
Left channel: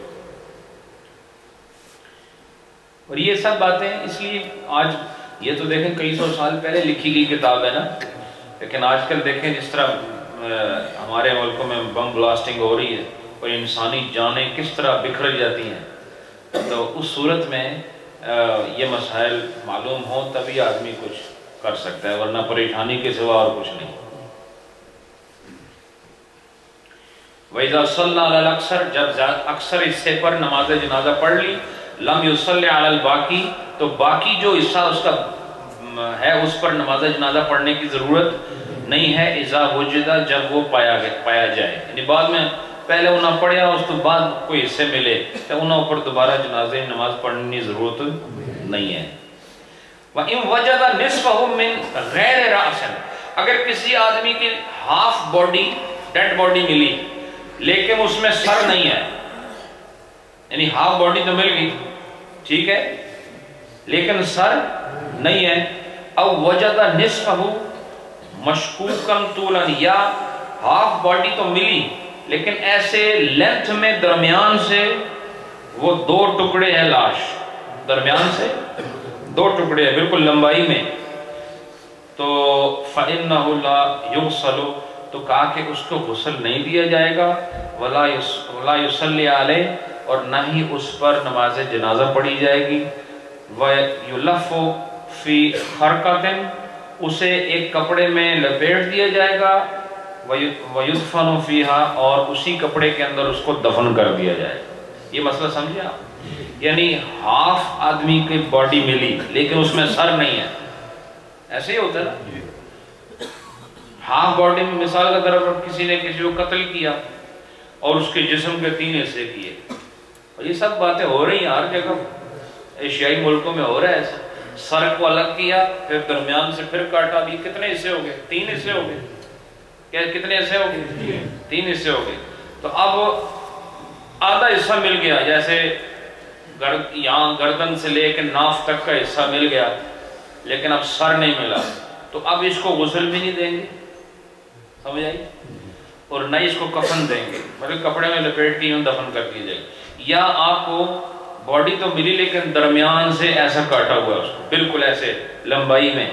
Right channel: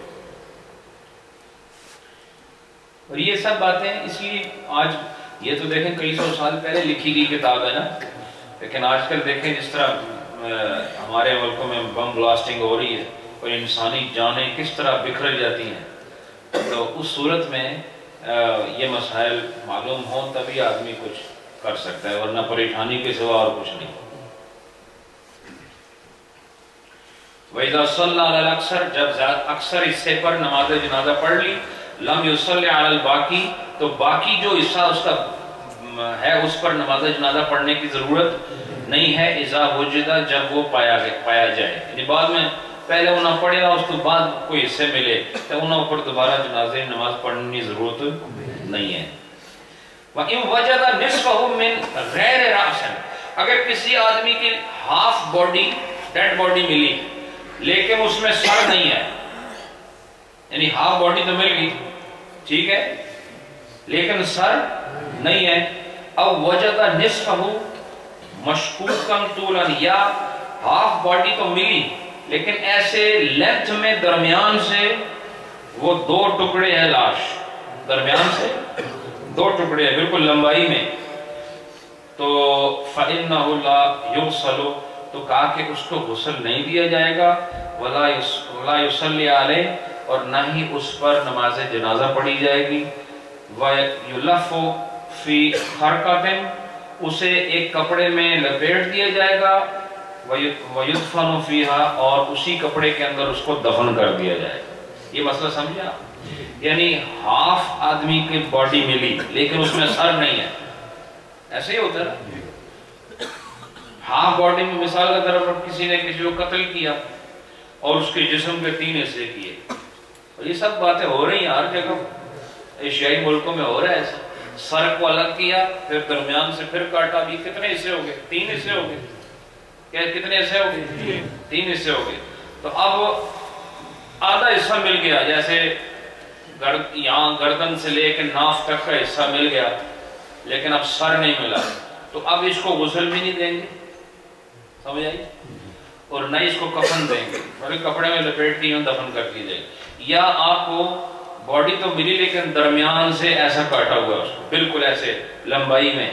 اور یہ سب باتیں اس لیے آج یہ تو دیکھیں کئی سو سال پہلے لکھی گئی کتاب ہے نا، لیکن آج کل دیکھیں جس طرح ہمارے ملکوں میں بم بلاسٹنگ ہو رہی ہے اور انسانی جانیں کس طرح بکھر جاتی ہیں، تو اس صورت میں یہ مسائل معلوم ہوں تبھی آدمی کچھ کر سکتا ہے، ورنہ پریشانی کے سوا اور کچھ نہیں۔ وَإِذَا صَلَّى عَلَى الْأَكْثَرِ، جب اکثر حصے پر نماز جنازہ پڑھ لی، لم یصلی علی الباقی، تو باقی جو حصہ اس کا ہے اس پر نماز جنازہ پڑھنے کی ضرورت نہیں ہے، اذا وجدہ، جب وہ پایا جائے، یعنی بعد میں پہلے انہوں پڑھیا اس تو بعد کوئی حصے ملے تو انہوں پر دوبارہ جنازے نماز پڑھنے کی ضرورت نہیں ہے۔ وَإِن وَجَدَ نِصْفَهُ مِنْ غَيْرِ رَأْسٍ، اگر کسی آدمی کی ہاف باڈی ڈیڈ باڈی ملی لیکن اس میں سر نہیں ہے، یعنی ہاف باڈی تو مل گئی ٹھیک ہے لیکن سر نہیں ہے، او وجد نصفہ مشکوکا طولا، یا ہاف باڈی تو ملی لیکن ایسے لینتھ میں درمیان سے وہ دو ٹکڑے ہیں، لاش درمیان سے دو ٹکڑے ہیں بالکل لمبائی میں، تو فَإِنَّهُ لَا يُغْسَلُ، تو کہا کہ اس کو غسل نہیں دیا جائے گا، وَلَا يُصَلِّ عَلَيْهِ، اور نہ ہی اس پر نماز جنازہ پڑھی جائے گی، وَيُلَفُّ فِي خَرْقَةٍ، اسے ایک کپڑے میں لپیٹ دیا جائے گا، وَيُدْفَنُ فِيهَا، اور اسی کپڑے کے اندر اس کو دفن کر دیا جائے گا۔ یہ مسئلہ سمجھے آپ؟ یعنی ہاف آدمی کی باڈی ملی لیکن اس میں سر نہیں ہے، ایسے ہی ہوتا ہے ہاف باڈی میں، مثال کا طور پر کسی نے کسی کو قتل کیا اور اس کے جسم کے 3 حصے کیے، اور یہ سب باتیں ہو رہی ہیں ہر جگہ، ایشیائی ملکوں میں ہو رہا ہے ایسا، سر کو الگ کیا پھر درمیان سے پھر کاٹا، بھی کتنے حصے ہو گئے؟ 3 حصے ہو گئے، کیا کتنے حصے ہو گئے؟ 3 حصے ہو گئے، تو اب آدھا حصہ مل گیا، جیسے یہاں گردن سے لے کے ناف تک کا حصہ مل گیا لیکن اب سر نہیں ملا، تو اب اس کو غسل بھی نہیں دیں گے، سمجھ آئی؟ اور نہ اس کو کفن دیں گے، بلکہ کپڑے میں لپیٹ کے دفن کر دی جائے گی، یا آپ کو باڈی تو ملی لیکن درمیان سے ایسا کاٹا ہوا اس کو بالکل ایسے لمبائی میں،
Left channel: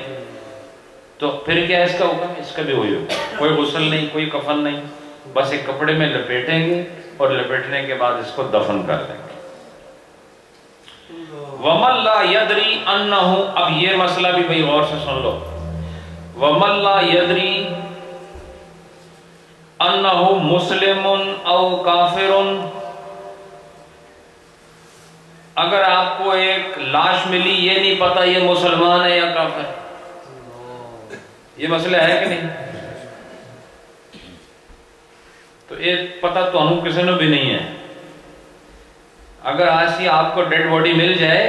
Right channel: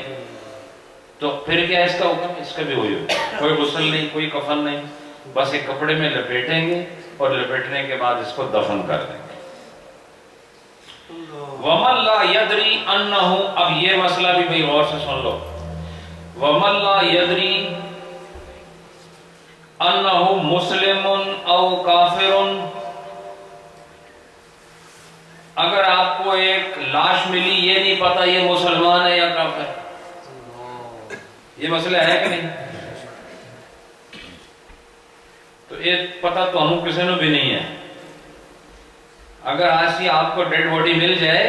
تو پھر کیا اس کا حکم؟ اس کا بھی وہی ہوگا، کوئی غسل نہیں، کوئی کفن نہیں، بس ایک کپڑے میں لپیٹیں گے اور لپیٹنے کے بعد اس کو دفن کر دیں گے۔ وَمَن لَا يَدْرِي أَنَّهُ، اب یہ مسئلہ بھی بھئی غور سے سن لو، وَمَن لَا يَدْرِي أَنَّهُ مُسْلِمٌ أَوْ كَافِرٌ، اگر آپ کو ایک لاش ملی یہ نہیں پتا یہ مسلمان ہے یا کافر، یہ مسئلہ ہے کہ نہیں؟ تو یہ پتہ تو ہم کسی نے بھی نہیں ہے، اگر آج سی آپ کو ڈیڈ باڈی مل جائے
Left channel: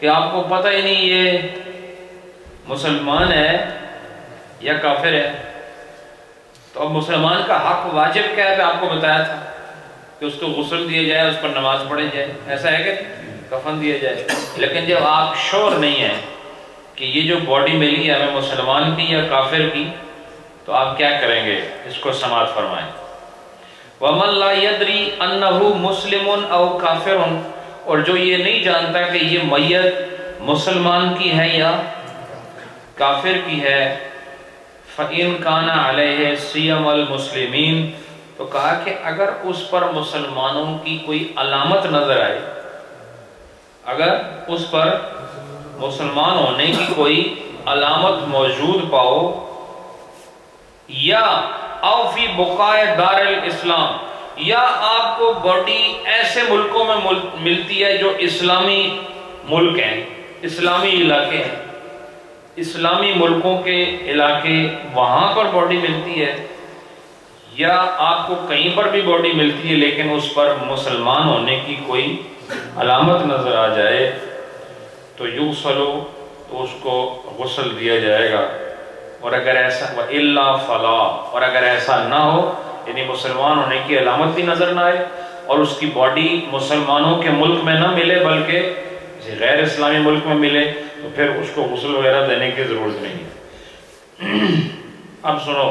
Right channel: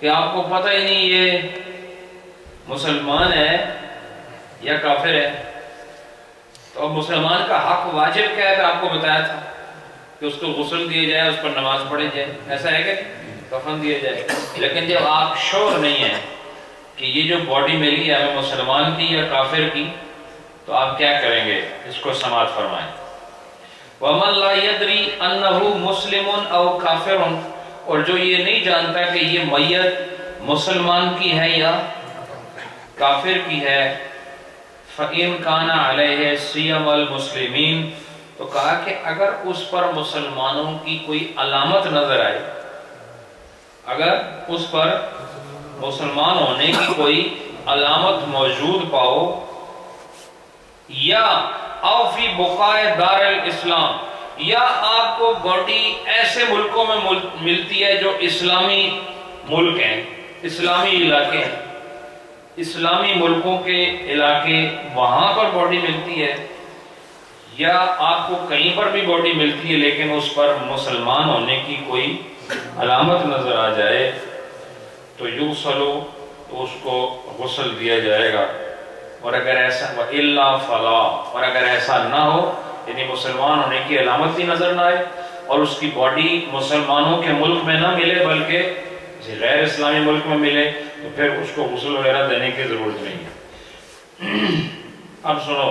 کہ آپ کو پتہ ہی نہیں یہ مسلمان ہے یا کافر ہے، تو اب مسلمان کا حق واجب کیا ہے کہ آپ کو بتایا تھا کہ اس کو غسل دیا جائے، اس پر نماز پڑھی جائے، ایسا ہے کہ کفن دیا جائے، لیکن جب آپ شور نہیں ہیں کہ یہ جو باڈی ملی ہے ہمیں مسلمان کی یا کافر کی، تو آپ کیا کریں گے؟ اس کو سماعت فرمائیں۔ وَمَن لَا يَدْرِي أَنَّهُ مُسْلِمٌ أَوْ كَافِرٌ، اور جو یہ نہیں جانتا کہ یہ میت مسلمان کی ہے یا کافر کی ہے، فَإِن كَانَ عَلَيْهِ صِيَمَ الْمُسْلِمِينَ، تو کہا کہ اگر اس پر مسلمانوں کی کوئی علامت نظر آئے، اگر اس پر مسلمان ہونے کی کوئی علامت موجود پاؤ، یا او فی بقائے دار الاسلام، یا آپ کو باڈی ایسے ملکوں میں ملتی ہے جو اسلامی ملک ہیں، اسلامی علاقے ہیں، اسلامی ملکوں کے علاقے وہاں پر باڈی ملتی ہے، یا آپ کو کہیں پر بھی باڈی ملتی ہے لیکن اس پر مسلمان ہونے کی کوئی علامت نظر آ جائے، تو یغسلو، تو اس کو غسل دیا جائے گا، اور اگر ایسا وَإِلَّا فَلَا، اور اگر ایسا نہ ہو، یعنی مسلمان ہونے کی علامت بھی نظر نہ آئے اور اس کی باڈی مسلمانوں کے ملک میں نہ ملے بلکہ غیر اسلامی ملک میں ملے، تو پھر اس کو غسل وغیرہ دینے کی ضرورت نہیں ہے۔ اب سنو،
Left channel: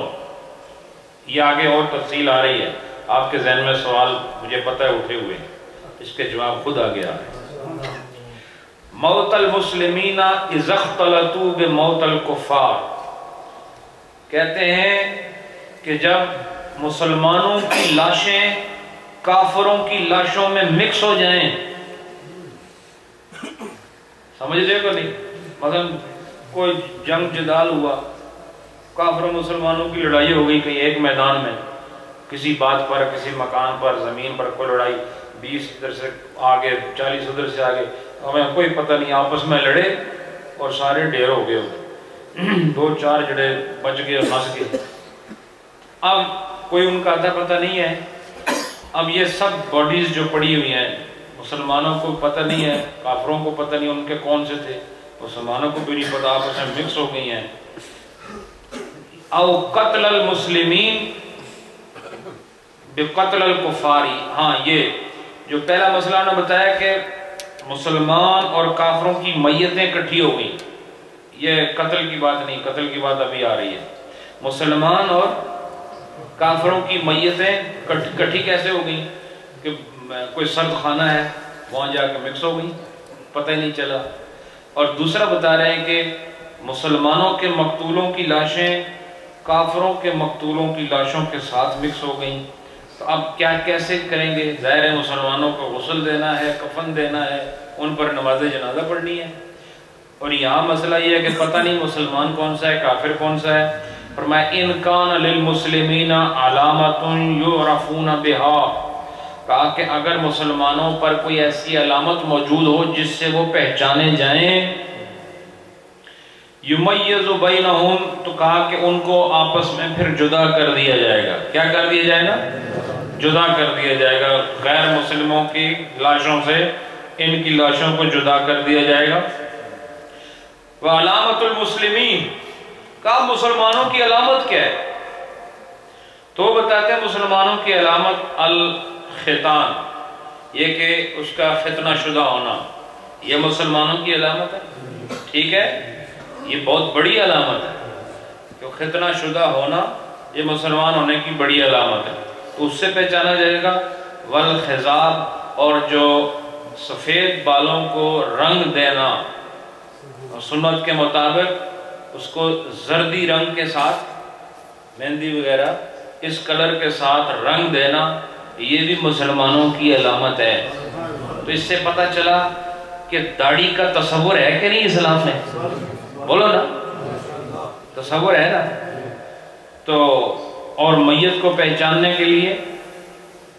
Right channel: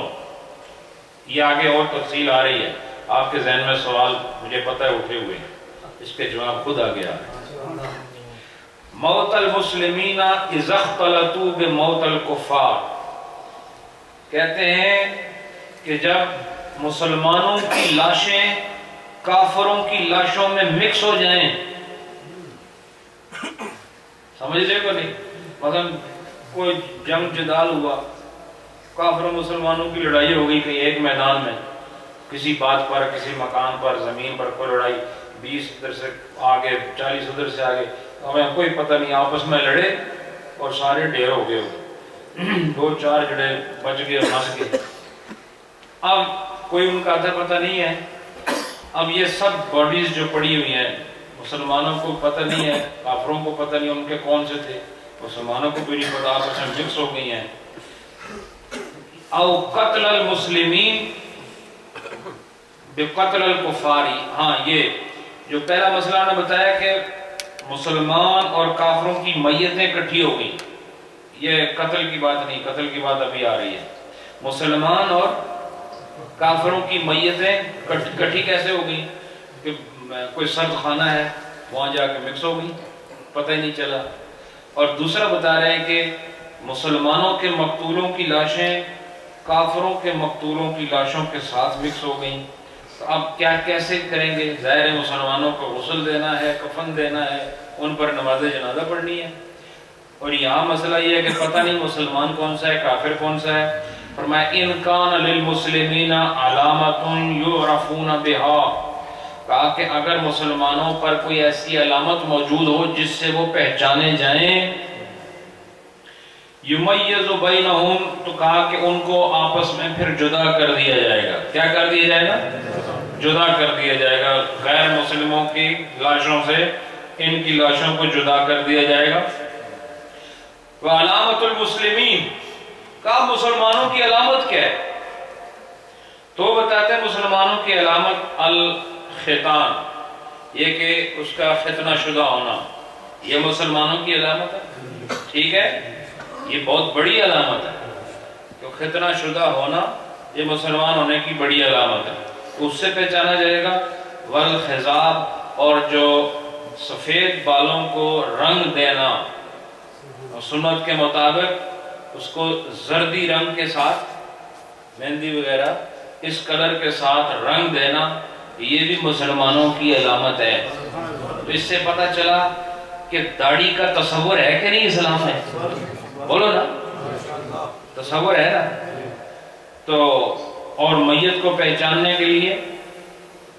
یہ آگے اور تفصیل آ رہی ہے، آپ کے ذہن میں سوال مجھے پتہ ہے اٹھے ہوئے ہیں، اس کے جواب خود آگے آ رہے ہیں۔ موت المسلمین اذا اختلطوا بموت الکفار، کہتے ہیں کہ جب مسلمانوں کی لاشیں کافروں کی لاشوں میں مکس ہو جائیں، سمجھ رہے کو نہیں؟ مثلا کوئی جنگ جدال ہوا، کافروں مسلمانوں کی لڑائی ہو گئی کہیں ایک میدان میں، کسی بات پر، کسی مکان پر، زمین پر کوئی لڑائی، 20 ادھر سے آگے 40 ادھر سے آگے، ہمیں کوئی پتہ نہیں، آپس میں لڑے اور سارے ڈھیر ہو گئے، 2-4 جڑے بچ گئے اور پھنس گئے۔ اب کوئی ان کا پتہ نہیں ہے۔ اب یہ سب باڈیز جو پڑی ہوئی ہیں، مسلمانوں کو پتہ نہیں ہے، کافروں کو پتہ نہیں ان کے کون سے تھے، مسلمانوں کو بھی نہیں پتہ، آپس میں مکس ہو گئی ہیں۔ او قتل المسلمین بقتل الکفاری، ہاں یہ جو پہلا مسئلہ نے بتایا کہ مسلمان اور کافروں کی میتیں اکٹھی ہو گئیں، یہ قتل کی بات نہیں، قتل کی بات ابھی آ رہی ہے۔ مسلمان اور کافروں کی میتیں اکٹھی کیسے ہو گئیں؟ کہ کوئی سرد خانہ ہے وہاں جا کے مکس ہو گئی، پتہ ہی نہیں چلا۔ اور دوسرا بتا رہے ہیں کہ مسلمانوں کے مقتولوں کی لاشیں کافروں کے مقتولوں کی لاشوں کے ساتھ مکس ہو گئیں۔ تو اب کیا کیسے کریں گے؟ ظاہر ہے مسلمانوں کو غسل دینا ہے، کفن دینا ہے، ان پر نماز جنازہ پڑھنی ہے۔ اور یہاں مسئلہ یہ ہے کہ پتہ نہیں مسلمان کون سا ہے، کافر کون سا ہے۔ فرمایا ان کان للمسلمین علامت یعرفون بها، کہا کہ اگر مسلمانوں پر کوئی ایسی علامت موجود ہو جس سے وہ پہچانے جائیں، یمیز بینہم، تو کہا کہ ان کو آپس میں پھر جدا کر دیا جائے گا۔ کیا کر دیا جائے گا؟ جدا کر دیا جائے گا، غیر مسلموں کی لاشوں سے ان کی لاشوں کو جدا کر دیا جائے گا۔ وعلامت المسلمین، کہا مسلمانوں کی علامت کیا ہے؟ تو بتاتے ہیں مسلمانوں کی علامت الختان، یہ کہ اس کا ختنہ شدہ ہونا، یہ مسلمانوں کی علامت ہے۔ ٹھیک ہے، یہ بہت بڑی علامت ہے کہ ختنہ شدہ ہونا یہ مسلمان ہونے کی بڑی علامت ہے، اس سے پہچانا جائے گا۔ والخضاب، اور جو سفید بالوں کو رنگ دینا، سنت کے مطابق اس کو زردی رنگ کے ساتھ، مہندی وغیرہ اس کلر کے ساتھ رنگ دینا، یہ بھی مسلمانوں کی علامت ہے۔ تو اس سے پتہ چلا کہ داڑھی کا تصور ہے کہ نہیں اسلام میں؟ بولو نا، تصور ہے نا۔ تو اور میت کو پہچاننے کے لیے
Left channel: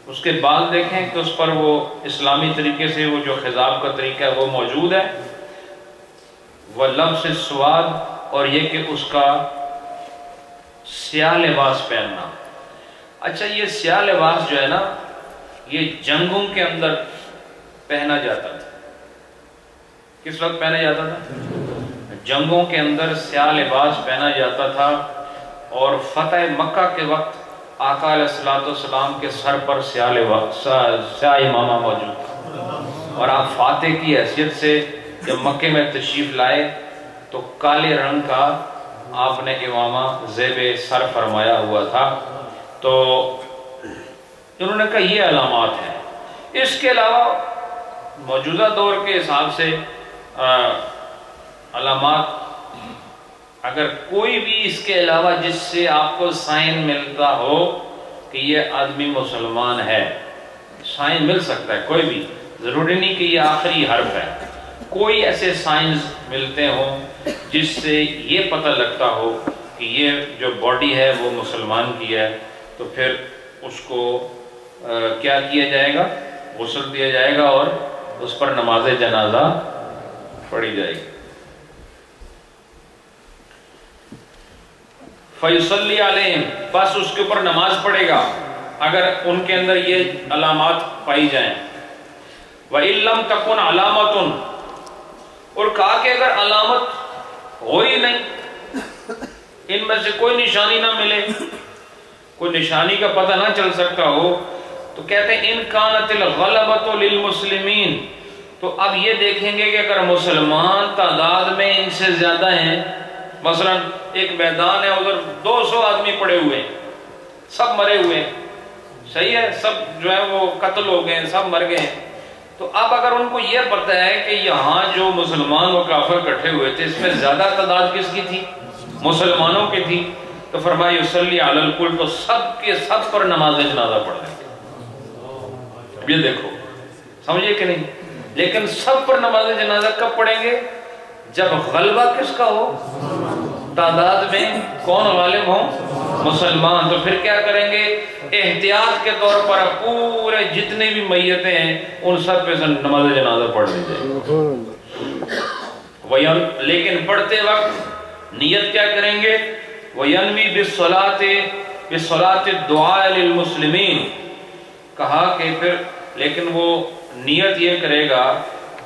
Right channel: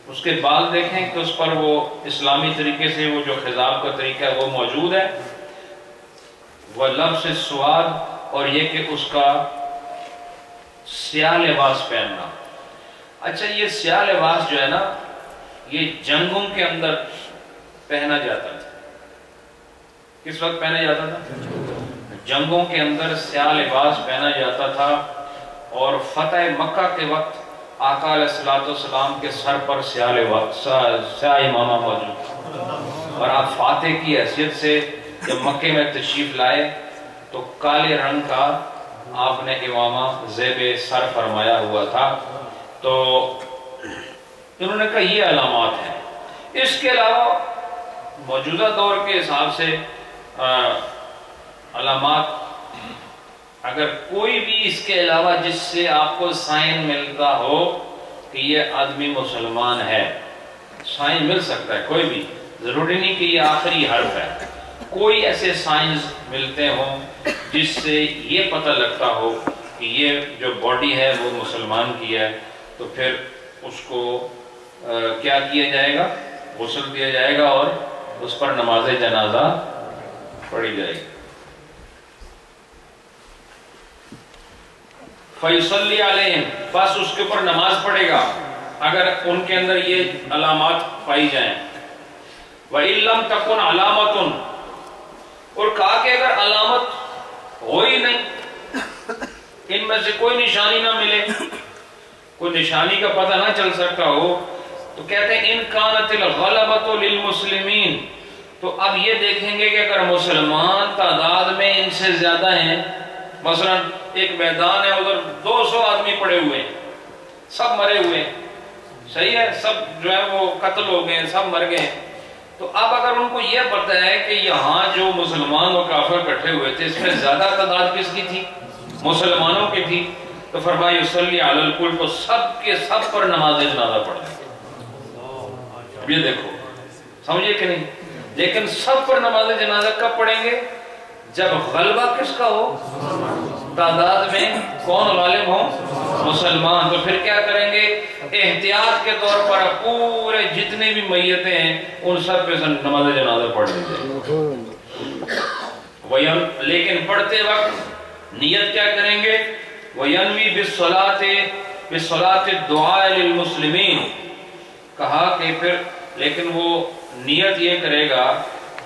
اس کے بال دیکھیں کہ اس پر وہ اسلامی طریقے سے وہ جو خضاب کا طریقہ ہے وہ موجود ہے۔ وہ لبس السواد، اور یہ کہ اس کا سیاہ لباس پہننا۔ اچھا، یہ سیاہ لباس جو ہے نا، یہ جنگوں کے اندر پہنا جاتا تھا۔ کس وقت پہنا جاتا تھا؟ جنگوں کے اندر سیاہ لباس پہنا جاتا تھا، اور فتح مکہ کے وقت آقا علیہ السلام کے سر پر سیاہ امامہ موجود تھا، اور آپ فاتح کی حیثیت سے جب مکے میں تشریف لائے تو کالے رنگ کا آپ نے امامہ زیب سر فرمایا ہوا تھا۔ تو انہوں نے کہا یہ علامات ہیں۔ اس کے علاوہ موجودہ دور کے حساب سے علامات، اگر کوئی بھی اس کے علاوہ جس سے آپ کو سائن ملتا ہو کہ یہ آدمی مسلمان ہے، سائن مل سکتا ہے کوئی بھی، ضروری نہیں کہ یہ آخری حرف ہے، کوئی ایسے سائنز ملتے ہوں جس سے یہ پتہ لگتا ہو کہ یہ جو باڈی ہے وہ مسلمان کی ہے، تو پھر اس کو کیا کیا جائے گا؟ غسل دیا جائے گا اور اس پر نماز جنازہ پڑھی جائے گی۔ فَيُصَلِّ عَلَيْهِمْ، بس اس کے اوپر نماز پڑھے گا اگر ان کے اندر یہ علامات پائی جائیں۔ وَإِن لَمْ تَكُنْ عَلَامَةٌ، اور کہا کہ اگر علامت ہو ہی نہیں، ان میں سے کوئی نشانی نہ ملے، کوئی نشانی کا پتہ نہ چل سکتا ہو، تو کہتے ہیں ان کانت الغلبۃ للمسلمین، تو اب یہ دیکھیں گے کہ اگر مسلمان تعداد میں ان سے زیادہ ہیں، مثلا ایک میدان ہے ادھر 200 آدمی پڑے ہوئے ہیں، سب مرے ہوئے ہیں، صحیح ہے، سب جو ہے وہ قتل ہو گئے ہیں، سب مر گئے ہیں، تو اب اگر ان کو یہ پتہ ہے کہ یہاں جو مسلمان و کافر اکٹھے ہوئے تھے اس میں زیادہ تعداد کس کی تھی؟ مسلمانوں کی تھی، تو فرمایا یصلی علی الکل، تو سب کے سب پر نماز جنازہ پڑھ لیں گے۔ یہ دیکھو، سمجھے کہ نہیں؟ لیکن سب پر نماز جنازہ کب پڑھیں گے؟ جب غلبہ کس کا ہو؟ تعداد میں کون غالب ہوں؟ مسلمان، تو پھر کیا کریں گے؟ احتیاط کے طور پر پورے جتنے بھی میتیں ہیں ان سب پہ نماز جنازہ پڑھ لی جائے، لیکن پڑھتے وقت نیت کیا کریں گے؟ وَيَنْوِي بِالصَّلَاةِ الدُّعَاءِ لِلْمُسْلِمِينَ، کہا کہ پھر لیکن وہ نیت یہ کرے گا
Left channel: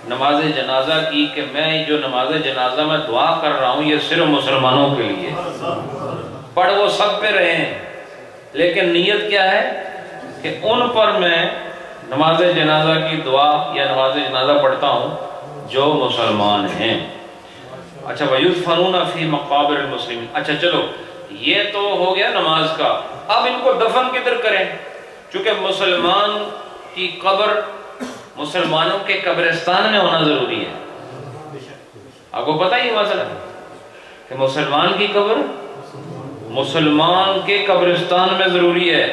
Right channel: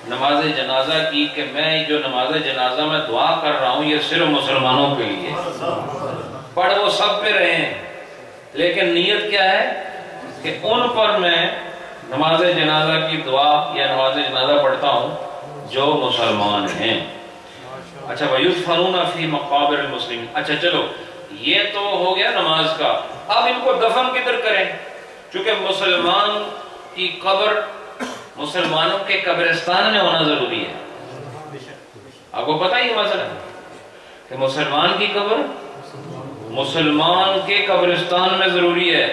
نماز جنازہ کی کہ میں جو نماز جنازہ میں دعا کر رہا ہوں یہ صرف مسلمانوں کے لیے، پڑھ وہ سب پہ رہے ہیں لیکن نیت کیا ہے کہ ان پر میں نماز جنازہ کی دعا یا نماز جنازہ پڑھتا ہوں جو مسلمان ہیں۔ اچھا وَيُدْفَنُونَ فِي مَقَابِرِ الْمُسْلِمِينَ، اچھا چلو یہ تو ہو گیا نماز کا، اب ان کو دفن کدھر کریں؟ چونکہ مسلمان کی قبر مسلمانوں کے قبرستان میں ہونا ضروری ہے، آپ کو پتہ ہی مسئلہ کہ مسلمان کی قبر مسلمان کے قبرستان میں ضروری ہے،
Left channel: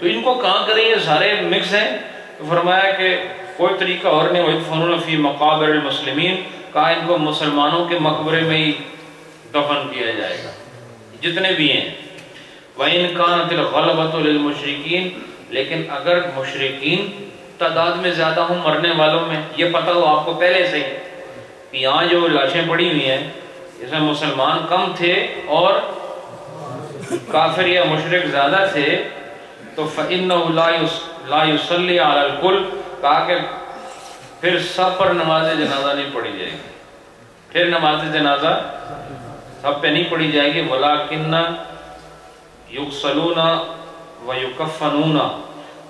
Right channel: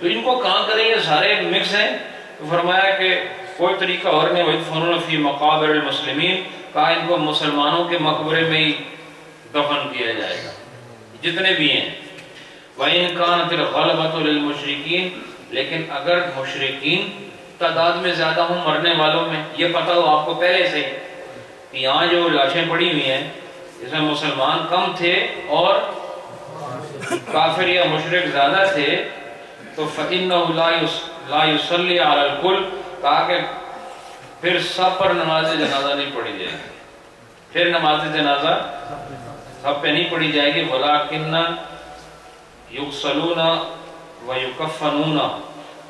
تو ان کو کہاں کریں؟ یہ سارے مکس ہیں، تو فرمایا کہ کوئی طریقہ اور نہیں، وَيُدْفَنُونَ فِي مَقَابِرِ الْمُسْلِمِينَ، کہا ان کو مسلمانوں کے مقبرے میں ہی دفن کیا جائے گا جتنے بھی ہیں۔ وَإِنْ كَانَتِ الْغَلَبَةُ لِلْمُشْرِكِينَ، لیکن اگر مشرکین تعداد میں زیادہ ہوں مرنے والوں میں، یہ پتہ ہو آپ کو پہلے سے کہ یہاں جو لاشیں پڑی ہوئی ہیں اس میں مسلمان کم تھے اور کافر یا مشرک زیادہ تھے، تو فَإِنَّهُ لَا يُصَلِّي عَلَى الْكُلِّ، کہا کہ پھر سب پر نماز جنازہ نہیں پڑھی جائے گی، پھر نماز جنازہ سب پہ نہیں پڑھی جائے گی، وَلَكِنَّ يُغْسَلُونَ وَيُكَفَّنُونَ،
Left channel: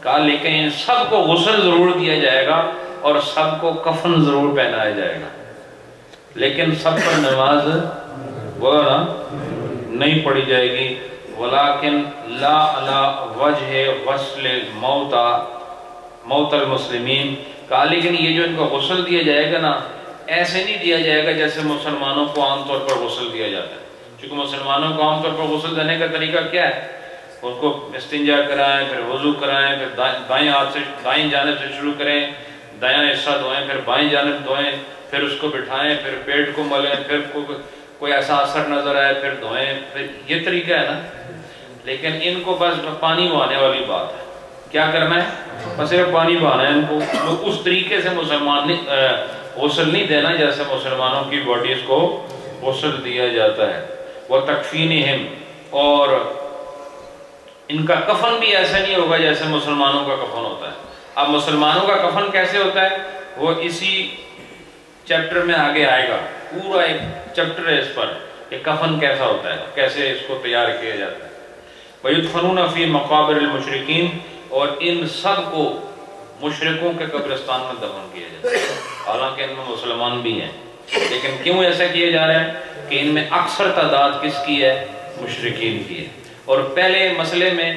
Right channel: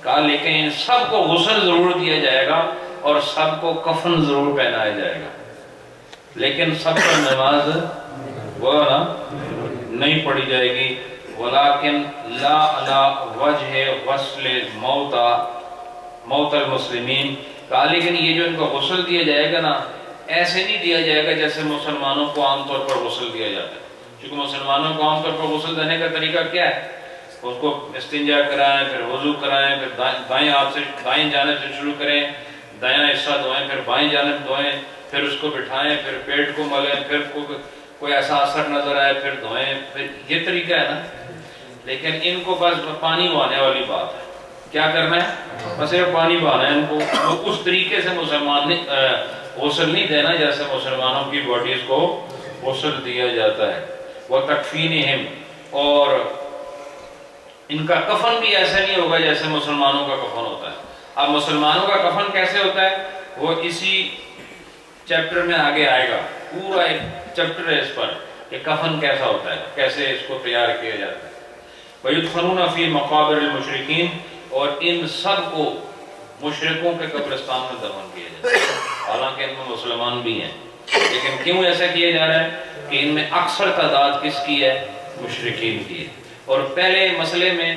کہا لیکن ان سب کو غسل ضرور دیا جائے گا اور سب کو کفن ضرور پہنایا جائے گا، لیکن سب پر نماز وہ نا نہیں پڑھی جائے گی۔ وَلَكِنْ لَا عَلَى وَجْهِ غَسْلِ مَوْتَ الْمُسْلِمِينَ، کہا لیکن یہ جو ان کو غسل دیا جائے گا نا ایسے نہیں دیا جائے گا جیسے مسلمانوں کو عام طور پر غسل دیا جاتا ہے، کیونکہ مسلمانوں کو عام طور پر غسل دینے کا طریقہ کیا ہے؟ اس کو استنجا کرائیں، پھر وضو کرائیں، پھر دائیں ہاتھ سے دائیں جانب سے شروع کریں، دایاں حصہ دھوئیں، پھر بائیں جانب دھوئیں، پھر اس کو بٹھائیں، پھر پیٹ کو ملیں، پھر کوئی ایسا اثر نظر آئے پھر دھوئیں، پھر یہ طریقہ ہے نا۔ لیکن ان کو بس پانی بہانے والی بات ہے، کیا کرنا ہے؟ بس صرف پانی بہانا ہے، ان کو اس طریقے سے مسلمان غسل نہیں دینا جیسے مسلمانوں کی باڈیز کو غسل دیا جاتا ہے۔ وَتَكْفِينِهِمْ، اور ان کا کفن بھی ایسا نہیں ہوگا جیسے مسلمانوں کا کفن ہوتا ہے۔ اب مسلمانوں کا کفن کیسے ہوتا ہے وہ اسی چیپٹر میں آگے آئے گا، پورا ایک چیپٹر ہے اس پر کہ کفن کیسا ہوتا ہے، کیسے اس کو تیار کیا جاتا ہے۔ وَيُدْفَنُونَ فِي مَقَابِرِ الْمُشْرِكِينَ، اور ان سب کو مشرکوں کے قبرستان میں دفن کیا جاتا ہے، حالانکہ ان میں مسلمان بھی ہیں، لیکن کیوں ایسا کیا جا رہا ہے کہ ان میں اکثر تعداد کس کی ہے؟ مشرکین کی ہے۔ اور پہلے مسئلے میں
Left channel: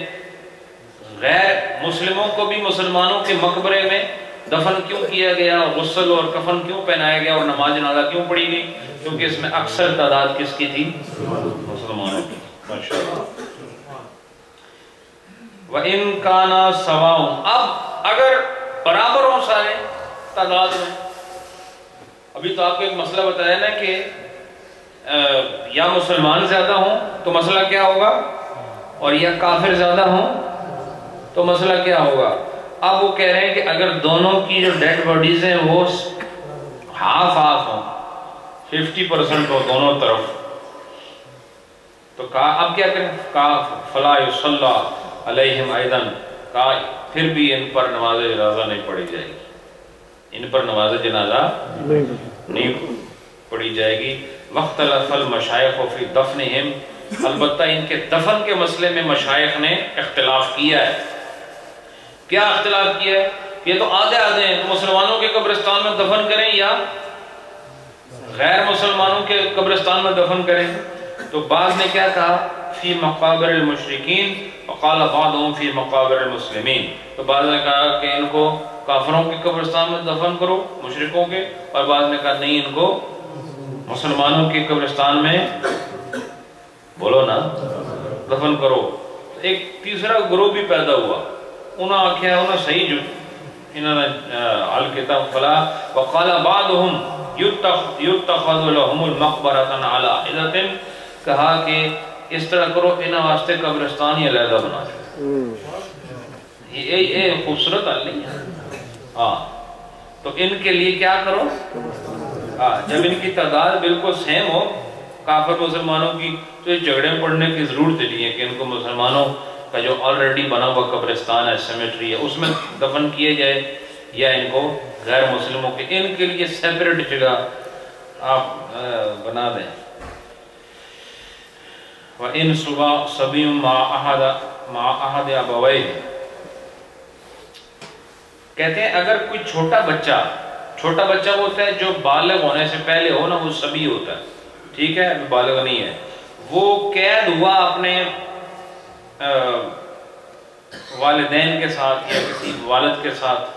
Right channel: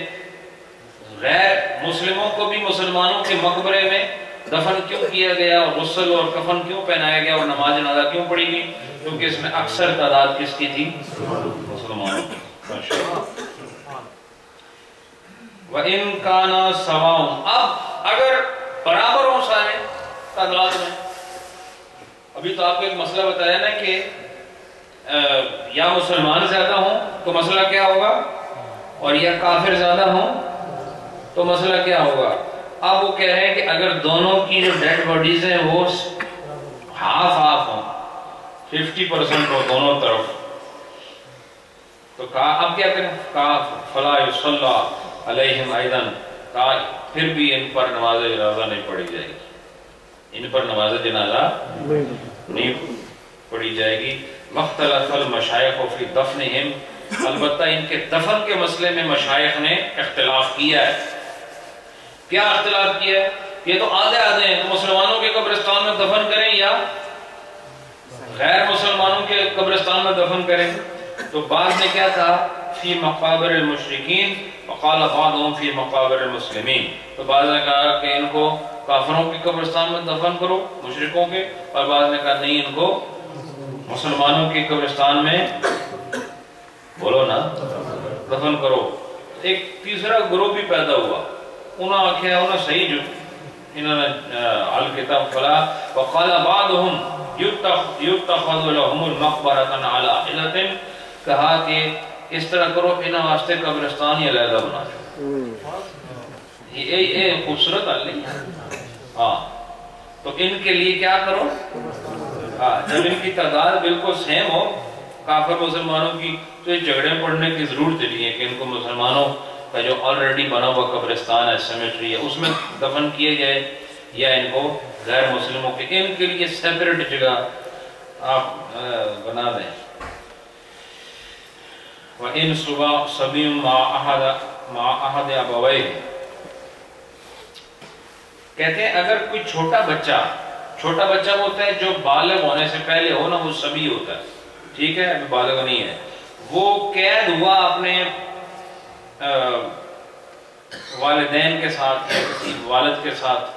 غیر مسلموں کو بھی مسلمانوں کے مقبرے میں دفن کیوں کیا گیا، غسل اور کفن کیوں پہنایا گیا اور نماز جنازہ کیوں پڑھی گئی؟ کیونکہ اس میں اکثر تعداد کس کی تھی؟ مسلمانوں کی۔ وَإِن كَانَ سَوَاءٌ، اب اگر برابر ہوں سارے تعداد میں، ابھی تو آپ کو ایک مسئلہ بتایا نا کہ یا مسلمان زیادہ ہوں تو مسئلہ کیا ہوگا، اور یا کافر زیادہ ہوں تو مسئلہ کیا ہوگا۔ اب وہ کہہ رہے ہیں کہ اگر دونوں کی جو ڈیڈ باڈیز ہیں وہ ہاف ہوں، 50% ہو دونوں طرف، تو کہا اب کیا کریں؟ کہا فَلَا يُصَلَّى عَلَيْهِمْ أَيْضًا، کہا پھر بھی ان پر نماز جنازہ نہیں پڑھی جائے گی، ان پر نماز جنازہ نہیں پڑھی جائے گی۔ وَاخْتَلَفَ الْمَشَائِخُ فِي دَفْنِهِمْ، البتہ ان کے دفن کے مسئلے میں مشائخ نے اختلاف کیا ہے۔ کیا اختلاف کیا ہے؟ یہ تو آدھے ہیں، تو مسلمانوں کے قبرستان میں دفن کریں یا غیر مسلمانوں کے قبرستان میں دفن کریں؟ تو بعض نے کیا کہا؟ فی مقابر المشرکین، وقال بعضهم فی مقابر المسلمین، تو بعض نے کہا کہ ان کو کافروں کے قبرستان میں دفن کرو، مشرکوں کے، اور بعض نے کہا نہیں ان کو مسلمانوں کے قبرستان میں بولو نا دفن کرو۔ ایک تیسرا گروہ بھی پیدا ہوا، انہوں نے کیا انہوں صحیح جو انہوں نے حل کتاب فلا وقال بعضهم يتخذ لهم المقبرة على حلة، کہا کہ اس طرح کرو انہاں واسطے قبرستان ہی علیحدہ بنا دو. یہ خوبصورت حل نہیں ہے. ہاں تو ان کے لیے کیا کرو، جب ان کی تعداد بالکل سیم ہو کافر مسلمانوں کی، تو یہ جھگڑے پڑنے کی ضرورت نہیں ہے کہ ان کو مسلمانوں کا جو آلریڈی بنا ہوا قبرستان ہے، سیمیٹری ہے، اس میں دفن کیے جائے، یا ان کو غیر مسلموں کے ان کے لیے سیپریٹ جگہ آپ بنا دیں. وَإِن صَبِيٌّ مَعَ أَحَدِ أَبَوَيْهِ، کہتے ہیں اگر کوئی چھوٹا بچہ وہ ہوتا ہے جو بالغ ہونے سے پہلے ہو نا، وہ صبی ہوتا ہے، ٹھیک ہے، ابھی بالغ نہیں ہے، وہ قید ہوا اپنے والدین کے ساتھ یا کسی والد کے ساتھ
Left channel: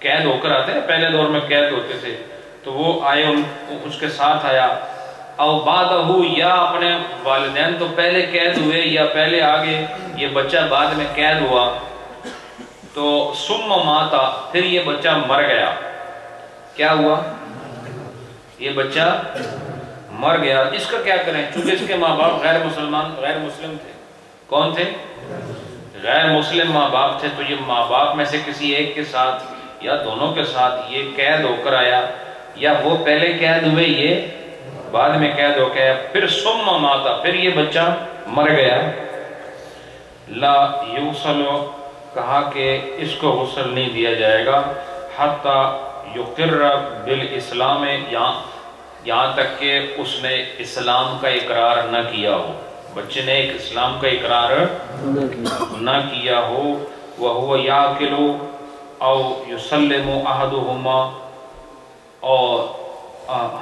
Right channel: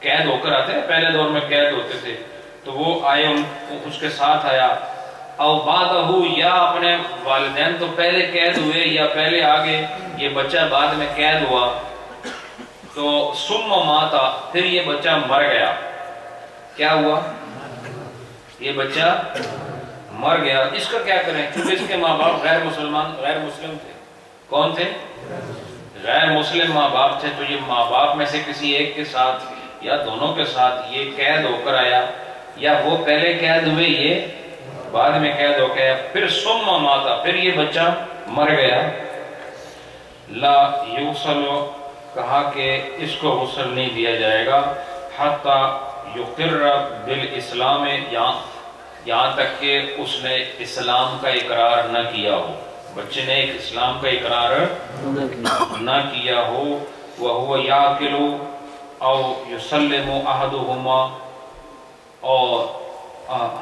قید ہو کر آتے ہیں، پہلے دور میں قید ہوتے تھے، تو وہ آئے اس کے ساتھ آیا، او بعدہ، یا اپنے والدین تو پہلے قید ہوئے یا پہلے آگے، یہ بچہ بعد میں قید ہوا، تو ثم ماتا، پھر یہ بچہ مر گیا. کیا ہوا؟ یہ بچہ مر گیا. اس کا کیا کریں؟ چونکہ اس کے ماں باپ غیر مسلم تھے. کون تھے؟ غیر مسلم ماں باپ تھے. تو یہ ماں باپ میں سے کسی ایک کے ساتھ یا دونوں کے ساتھ یہ قید ہو کر آیا، یا وہ پہلے قید ہوئے یہ بعد میں قید ہو گیا، پھر ثم ماتا، پھر یہ بچہ مر گیا. لا یغسل، کہا کہ اس کو غسل نہیں دیا جائے گا، حتی یقر بالاسلام، یہاں تک کہ اس نے اسلام کا اقرار نہ کیا ہو، بچے نے ایک اسلام کا اقرار نہ کیا ہو. وَهُوَ يَعْقِلُ او يُسَلِّمُ أَحَدُهُمَا، اور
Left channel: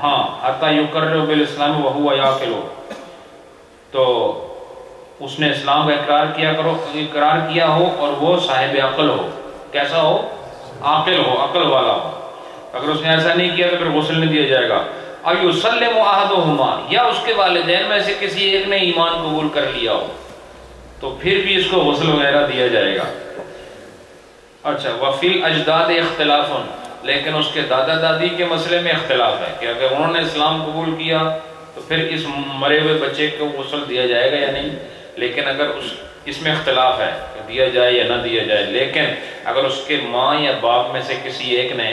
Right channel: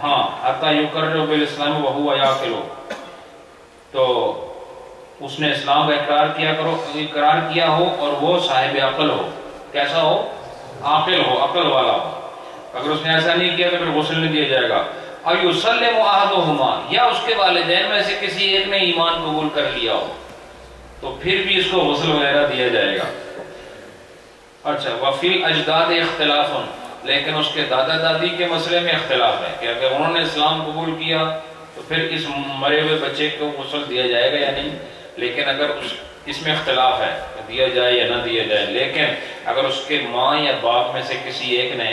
ہاں حتی یقر بالاسلام وَهُوَ يَعْقِلُ، تو اس نے اسلام کا اقرار کیا ہو اور وہ صاحب عقل ہو. کیسا ہو؟ عاقل ہو، عقل والا ہو. اگر اس نے ایسا نہیں کیا تو پھر غسل نہیں دیا جائے گا. اور یسلم احدهما، یا اس کے والدین میں سے کسی ایک نے ایمان قبول کر لیا ہو تو پھر بھی اس کو غسل وغیرہ دیا جائے گا. اچھا، وفی الاجداد اختلاف، لیکن اس کے دادا دادی کے مسئلے میں اختلاف ہے کہ اگر انہوں نے اسلام قبول کیا تو پھر اس مرے ہوئے بچے کو غسل دیا جائے گا یا نہیں. لیکن اگر اس میں اختلاف ہے کہ دیا جائے یا نہ دیا جائے، لیکن اگر اس کے ماں یا باپ میں سے کسی ایک نے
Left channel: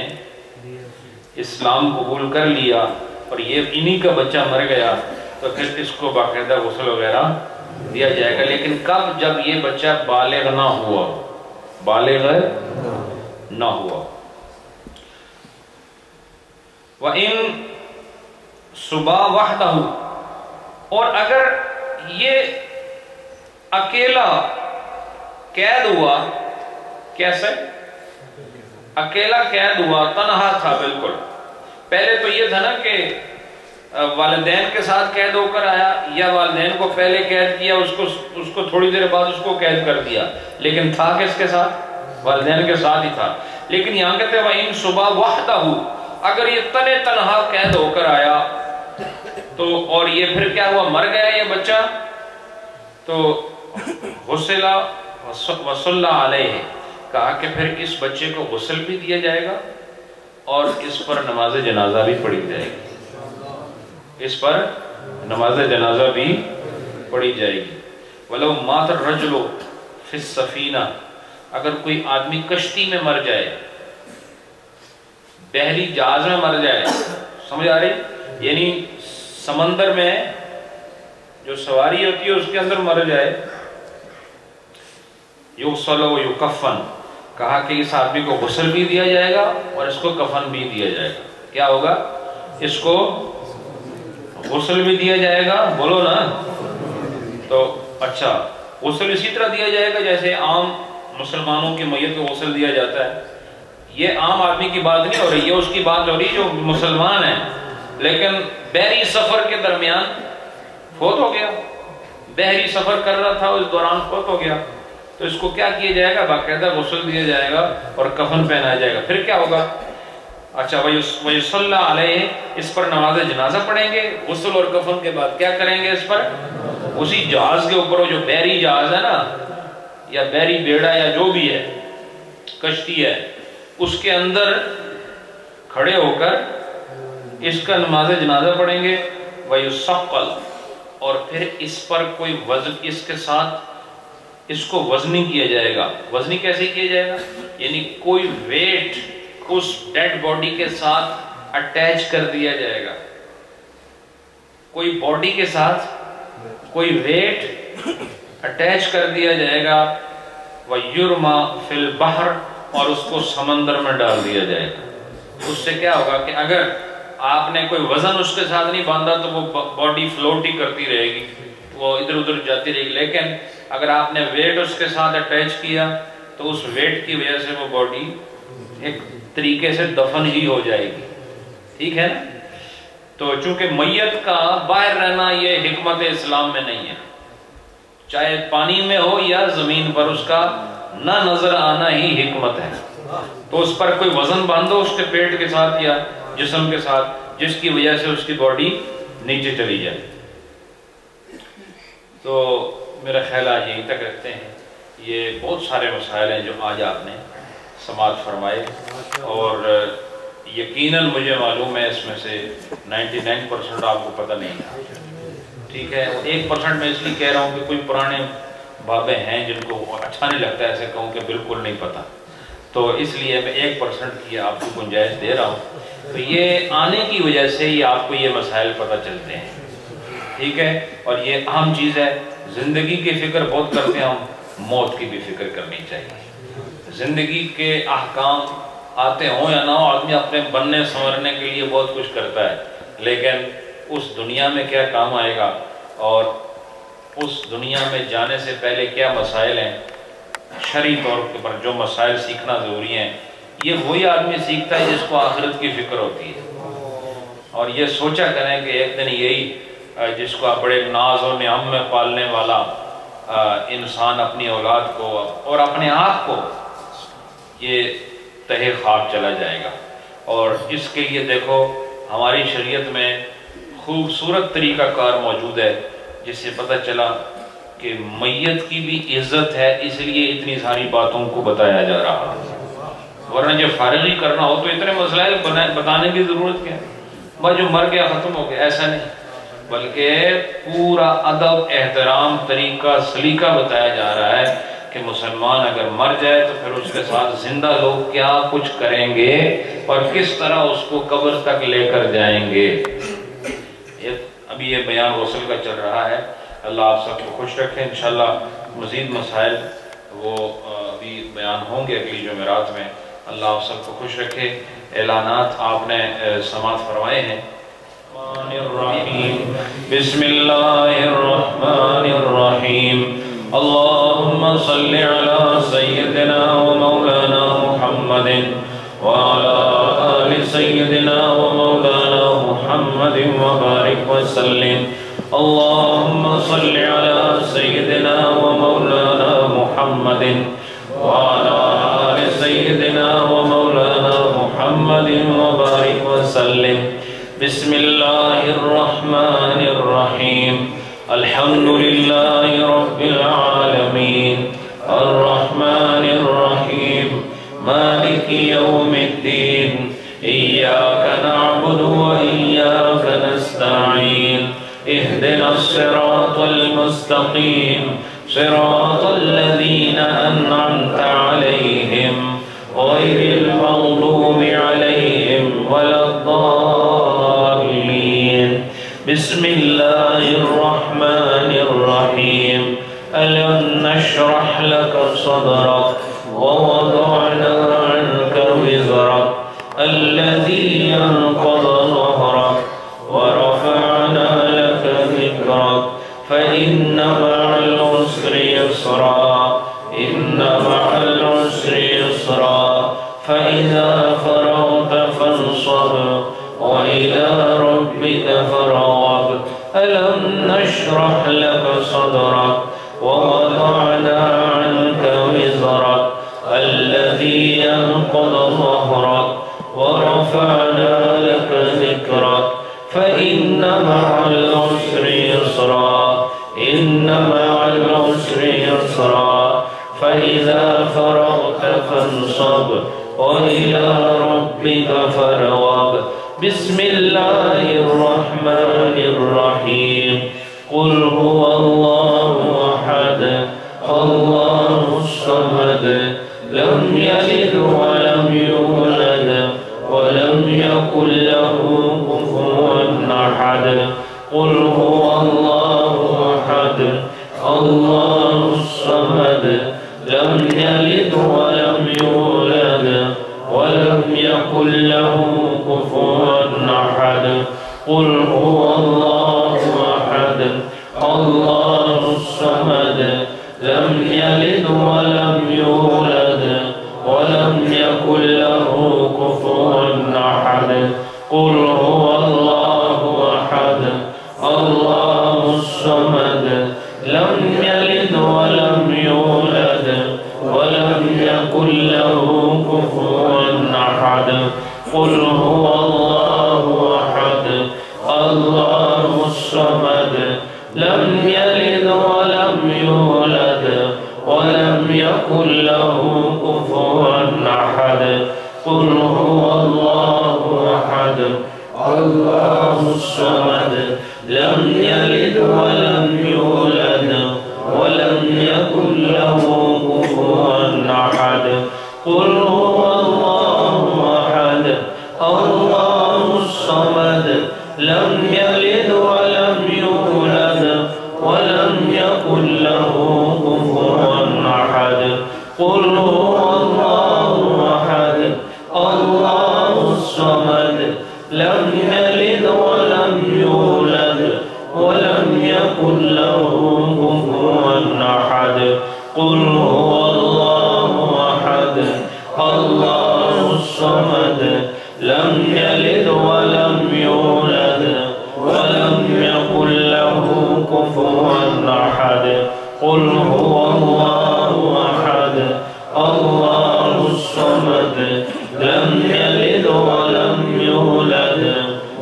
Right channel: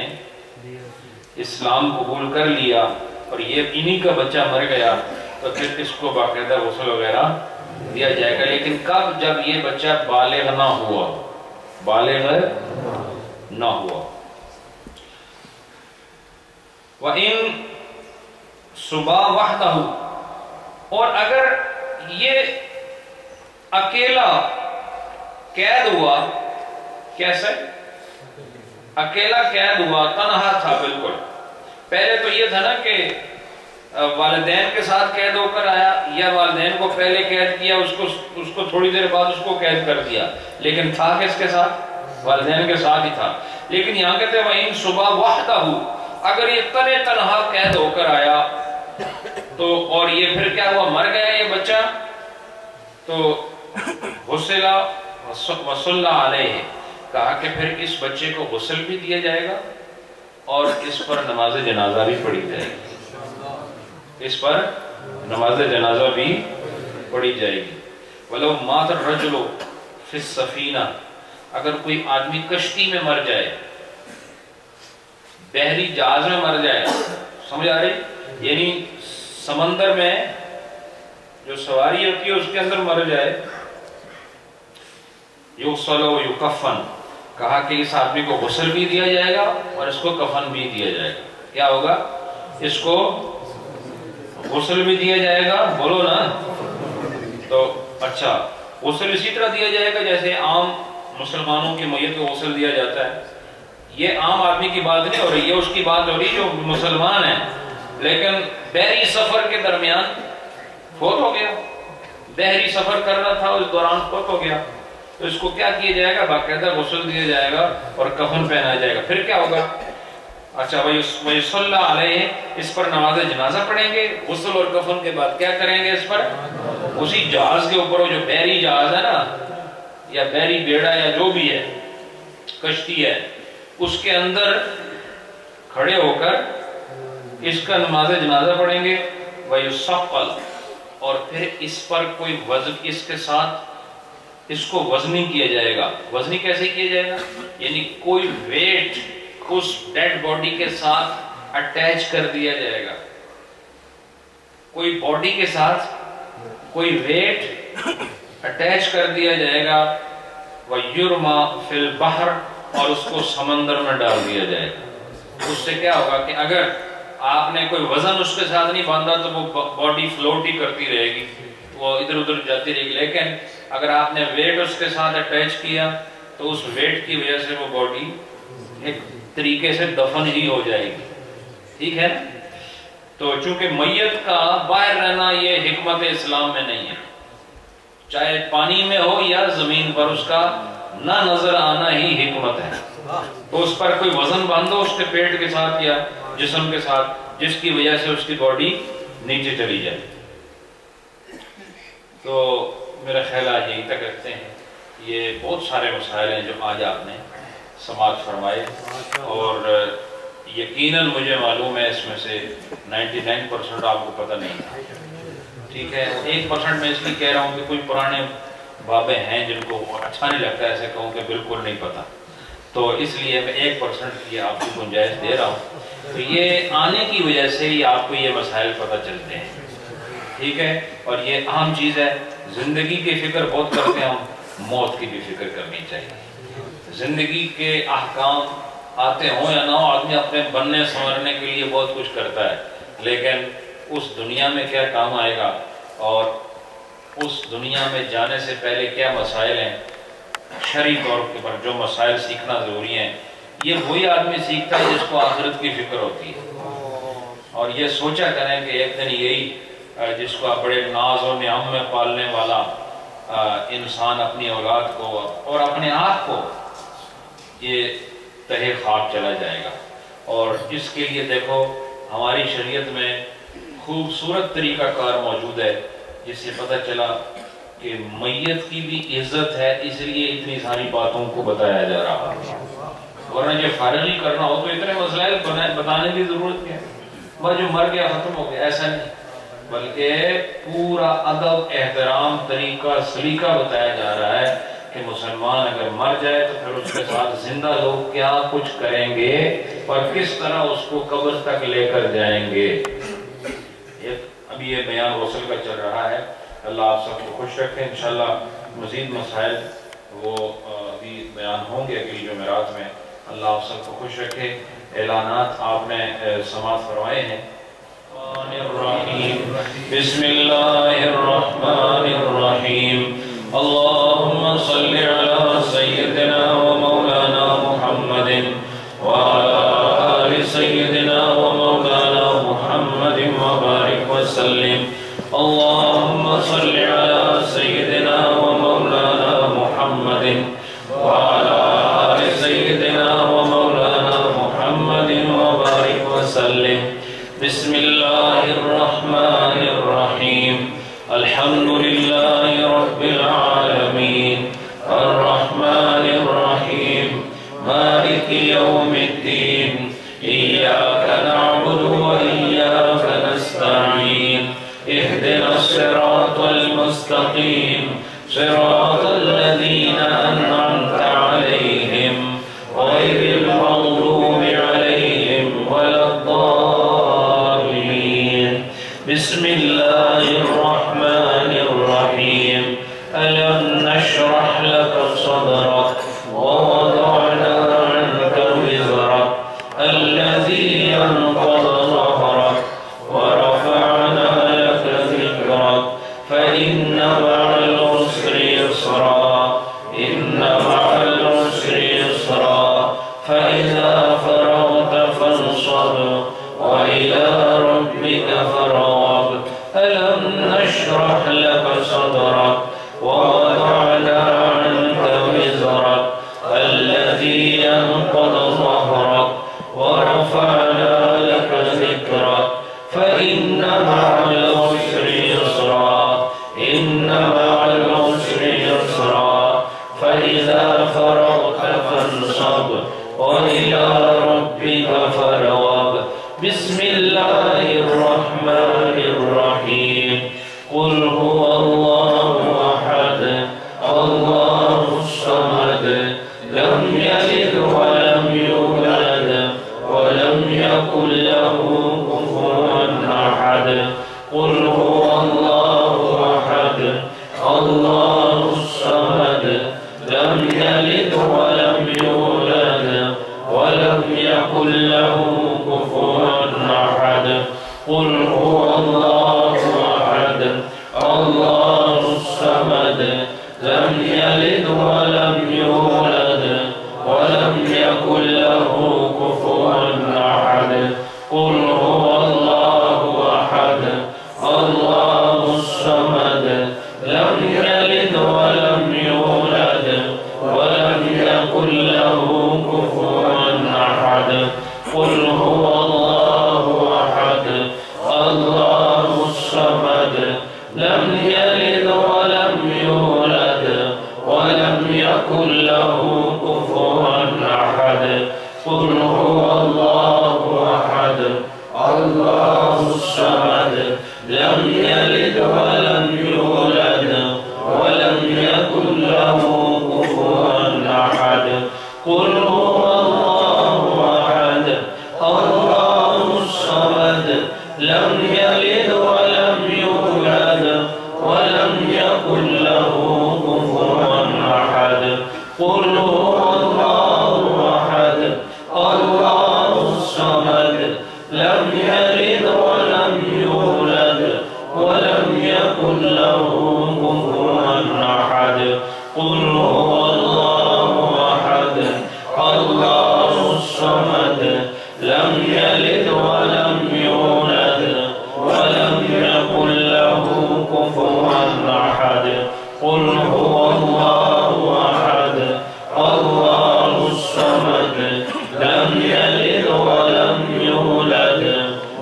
اسلام قبول کر لیا اور یہ انہی کا بچہ مر گیا تو پھر اس کو باقاعدہ غسل وغیرہ دیا جائے گا. لیکن کب؟ جب یہ بچہ بالغ نہ ہوا، بالغ نہ ہوا. وَإِن صُبَا وَحْدَهُ، اور اگر یہ اکیلا قید ہوا، کیسے؟ اکیلا قید ہوا، تنہا تھا بالکل. پہلے تو یہ تھا نا کہ والدین کے ساتھ قید ہو کر آیا، یا والدین کو پہلے قید کیا، اس کو تھوڑی دیر بعد اس کو قید کر دیا، لیکن تھا کس کے ساتھ؟ والدین کے ساتھ ہی تھا. لیکن یہاں کہتے ہیں وَإِن صُبَا وَحْدَهُ، اگر یہ تنہا قید ہو کر آیا تو اور یہ پھر کیا ہوا؟ مر گیا یہ بچہ، تو غسل وصلی علیہ، کہا کہ پھر اس بچے کو غسل بھی دیا جائے گا اور اس پر نماز جنازہ بھی پڑھی جائے گی، اس پر نماز جنازہ بھی پڑھی جائے گی. وَلَوْ مَاتَ الرَّجُلُ فِي السَّفِينَةِ، اگر کوئی آدمی کشتی میں مر جائے، بحری جہاز میں مر جائے، سمجھ آ رہی؟ یعنی سمندر میں جو سواری ہوتی ہے اس کے اندر مر جائے، یغسل و یکفن، کہا کہ اس آدمی کو غسل بھی دیا جائے گا اور اس کو کفن بھی دیا جائے گا. کیا ہوگا؟ اس کو غسل بھی دیا جائے گا، بولو نا. تو اچھا، غسل اسی طرح دیا جائے گا جیسے عام مسلمانوں کی میت کو غسل دیا جاتا ہے. یہ عام آدمی کی بات نہیں ہو رہی، یہ اس کی بات ہو رہی جو مسلمان ہیں لیکن بحری سفر کے درمیان فوت ہو گیا، بحری سفر کر رہا تھا، اس دوران فوت ہو گیا، تو اس کو کیا کیا جائے گا؟ باقاعدہ غسل دیا جائے گا اور کفن پہنایا جائے گا. پھر کیا ہوگا؟ اچھا، وَيُصَلَّى عَلَيْهِ، اس پر نماز جنازہ پڑھیں گے. غسل اور کفن کے بعد کیا کریں گے؟ اس پر اسی جہاز کے اوپر، جو بحری جہاز ہے نا، یا بحری بیڑا یا جو بھی ہے، کشتی ہے، اس کے اندر کھڑے ہو کر اس کا نماز جنازہ پڑھیں گے. وَيُصَقَّلْ، اور پھر اس پر کوئی وزن اس کے ساتھ اس کو وزنی کیا جائے گا. وزنی کیسے کیا جائے گا؟ یعنی کوئی ویٹ اس ڈیڈ باڈی کے ساتھ اٹیچ کر دیا جائے گا. کوئی باڈی کے ساتھ کوئی ویٹ اٹیچ کر دیا جائے گا. وَيُرْمَا فِي الْبَحْرِ اور اس کو سمندر میں ڈال دیا جائے گا. اس سے کیا ہوگا کہ اگر آپ نے کوئی وزن اس کے ساتھ نہیں باندھا تو وہ باڈی فلوٹ ہی کرتی رہے گی, وہ ادھر ادھر جاتی رہے گی. لیکن اگر آپ نے ویٹ اس کے ساتھ اٹیچ کیا تو اس ویٹ کی وجہ سے وہ باڈی ایک طریقے سے دفن ہی ہو جائے گی. ٹھیک ہے نا؟ تو چونکہ میت کا باہر رہنا یہ حکمت اسلام میں نہیں ہے. چاہے پانی میں ہو یا زمین پر, اس کا نہ نظر آنا ہی حکمت ہے. تو اس پر کوئی وزن باندھو اس کے پیٹ کے ساتھ یا جسم کے ساتھ, جس کی وجہ سے اس کی باڈی نیچے چلی جائے. تو میرا خیال آج یہی تک رکھتے ہیں. یہ بہت سارے مسائل ہیں جو آج آپ نے سماعت فرمائے, اور یقیناً مجھے معلوم ہے اس میں سے 99% آپ کو پتہ نہیں تھا. ٹھیک ہے, 1% میں اس لیے کہہ رہا ہوں کہ کوئی پرانے بابے ہیں جن کو اچھا نہیں لگتا ایسے کہوں کہ بالکل نہیں پتہ, تو اس لیے میں 1% کی آپ کو گنجائش دے رہا ہوں. تو یہ آنے کی وجہ سے ہی آپ کو یہ مسائل پتہ چلتے ہیں. ٹھیک ہے, اور یہ اہم چیز ہے. زندگی کی فکر بہت کرتے ہیں ہم, موت کی بھی فکر کرنی چاہیے. زندگی کے احکام آتے ہوں یا نہ ہو, آدمی اپنے بننے سنورنے کے لیے بہت کچھ کرتا ہے, لیکن اس دنیا میں کیا کام آئے گا اور اس دنیا میں جانے سے پہلے کیا مسائل ہیں, شرعی طور پر جو مسائل سیکھنا ضروری ہیں, یہ وہی آدمی سیکھتا ہے جس کو آخرت کی فکر ہوتی ہے. اور یہ سوچا کریں کہ ایک دن یہی جس کو بڑے ناز و نعم میں پالنے والا انسان اپنی اولاد کو اور اپنے آپ کو یہ تہے خاک چلا جائے گا. اور اس کے لیے دیکھو ہماری شریعت میں خوبصورت طریقہ کار موجود ہے, جس سے پتہ چلا کہ میت کی بھی عزت ہے, اس لیے اتنی ساری باتوں کو بتایا جا رہا ہے. ورنہ جو فارغی کرنا ہو تو اتنے مسائل بتانے کی ضرورت کیا ہے, بس جو مر گیا ختم ہو گیا, ایسا نہیں, بلکہ پورا ادب, احترام, طریقہ, سلیقہ بتایا جا رہا ہے کہ مسلمان اگر مر جائے تو پھر اس کے ساتھ زندہ لوگ کیا کچھ کریں گے اور کس طرح اس کو قبر تک لے کر جائیں گے. ابھی یہ بیان غسل کا چل رہا ہے. اللہ آپ سب کو خوش رکھے. انشاءاللہ مزید مسائل وہ ابھی بیان ہوں گے اگلی جمعرات میں. اللہ آپ سب کو خوش رکھے. اعلانات آپ نے سماعت فرمائے ہیں. بسم اللہ الرحمن الرحیم. اللہم صلی علی سیدنا و مولانا محمد وعلی آل سیدنا و مولانا محمد وبارک وسلم. اللہم صلی علی سیدنا و مولانا محمد وعلی آل سیدنا و مولانا محمد وبارک وسلم. بسم اللہ الرحمن الرحیم. الحمد للہ رب العالمین الرحمن الرحیم مالک یوم الدین. ایاک نعبد و ایاک نستعین. اہدنا الصراط المستقیم صراط الذین انعمت علیہم غیر المغضوب علیہم ولا الضالین. بسم اللہ الرحمن الرحیم. ألم نشرح لك صدرك ووضعنا عنك وزرك الذي أنقض ظهرك ورفعنا لك ذكرك فإن مع العسر يسرا إن مع العسر يسرا فإذا فرغت فانصب وإلى ربك فارغب. ألم نشرح لك صدرك ووضعنا عنك وزرك الذي أنقض ظهرك ورفعنا لك ذكرك فإن مع العسر يسرا إن مع العسر يسرا فإذا فرغت فانصب وإلى ربك فارغب. بسم الله الرحمن الرحيم. قل هو الله أحد الله الصمد لم يلد ولم يولد ولم يكن له كفوا أحد قل هو الله أحد الله الصمد لم يلد ولم يولد ولم يكن له كفوا أحد قل هو الله أحد الله الصمد لم يلد ولم يولد ولم يكن له كفوا أحد قل هو الله أحد الله الصمد لم يلد ولم يولد ولم يكن له كفوا أحد قل هو الله أحد الله الصمد لم يلد ولم يولد ولم يكن له كفوا أحد قل هو الله أحد الله الصمد لم يلد ولم يولد ولم يكن له كفوا أحد قل هو الله أحد الله الصمد لم يلد ولم يولد ولم يكن له كفوا أحد قل هو الله أحد الله الصمد لم يلد ولم يولد ولم يكن له كفوا أحد قل هو الله أحد الله الصمد لم يلد ولم يولد ولم يكن له كفوا أحد قل هو الله أحد الله الصمد لم يلد ولم يولد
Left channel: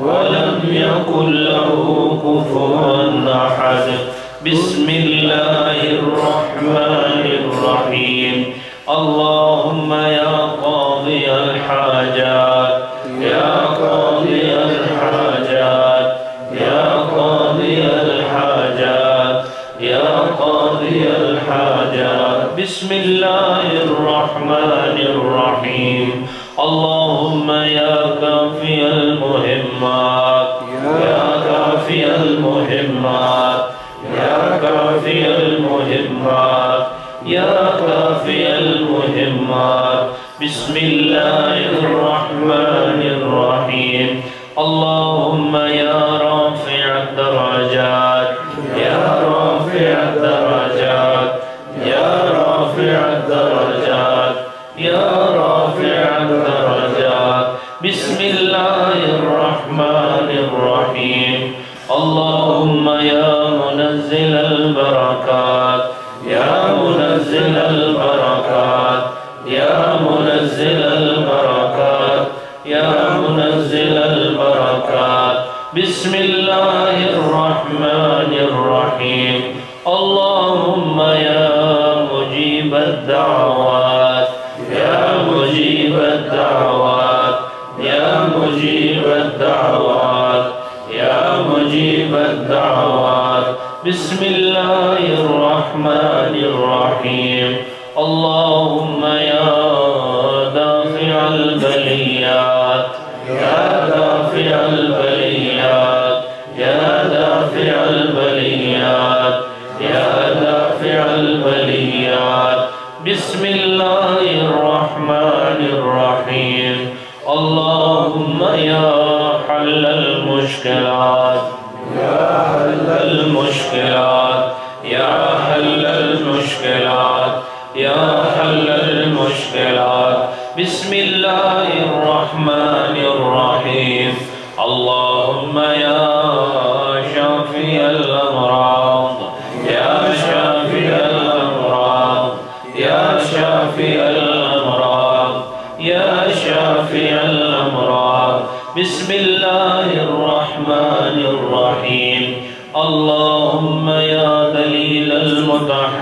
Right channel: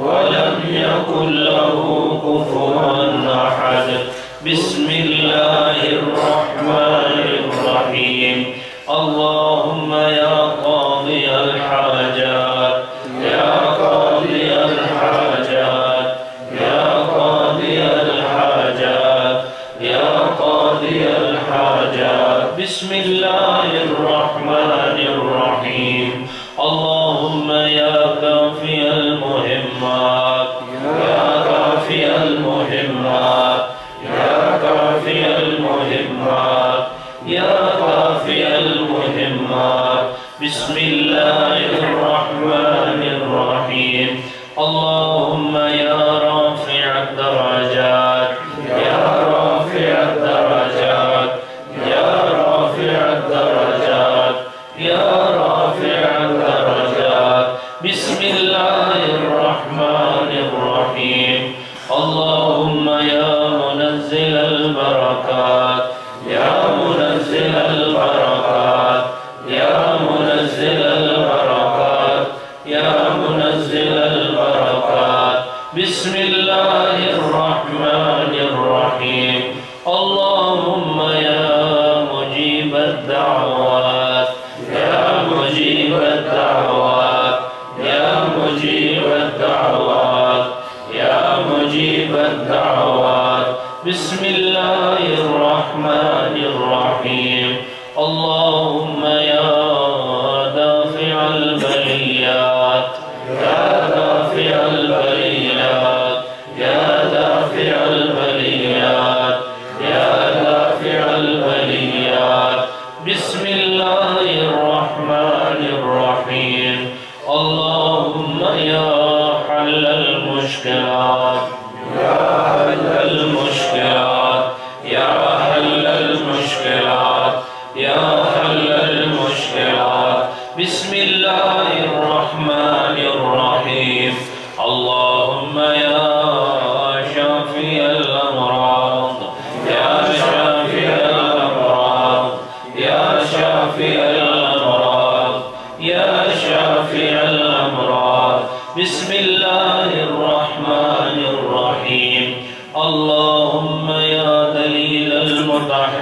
ولم يكن له كفوا أحد بسم الله الرحمن الرحيم اللهم يا قاضي الحاجات يا قاضي الحاجات يا قاضي الحاجات يا قاضي الحاجات بسم الله الرحمن الرحيم اللهم يا كافي المهمات يا كافي المهمات يا كافي المهمات يا كافي المهمات بسم الله الرحمن الرحيم اللهم يا رافع الدرجات يا رافع الدرجات يا رافع الدرجات يا رافع الدرجات بسم الله الرحمن الرحيم اللهم يا منزل البركات يا منزل البركات يا منزل البركات يا منزل البركات بسم الله الرحمن الرحيم اللهم يا مجيب الدعوات يا مجيب الدعوات يا مجيب الدعوات يا مجيب الدعوات بسم الله الرحمن الرحيم اللهم يا دافع البليات يا دافع البليات يا دافع البليات يا دافع البليات بسم الله الرحمن الرحيم اللهم يا حل المشكلات يا حل المشكلات يا حل المشكلات يا حل المشكلات بسم الله الرحمن الرحيم اللهم يا شافي الأمراض يا شافي الأمراض يا شافي الأمراض يا شافي الأمراض بسم الله الرحمن الرحيم اللهم يا دليل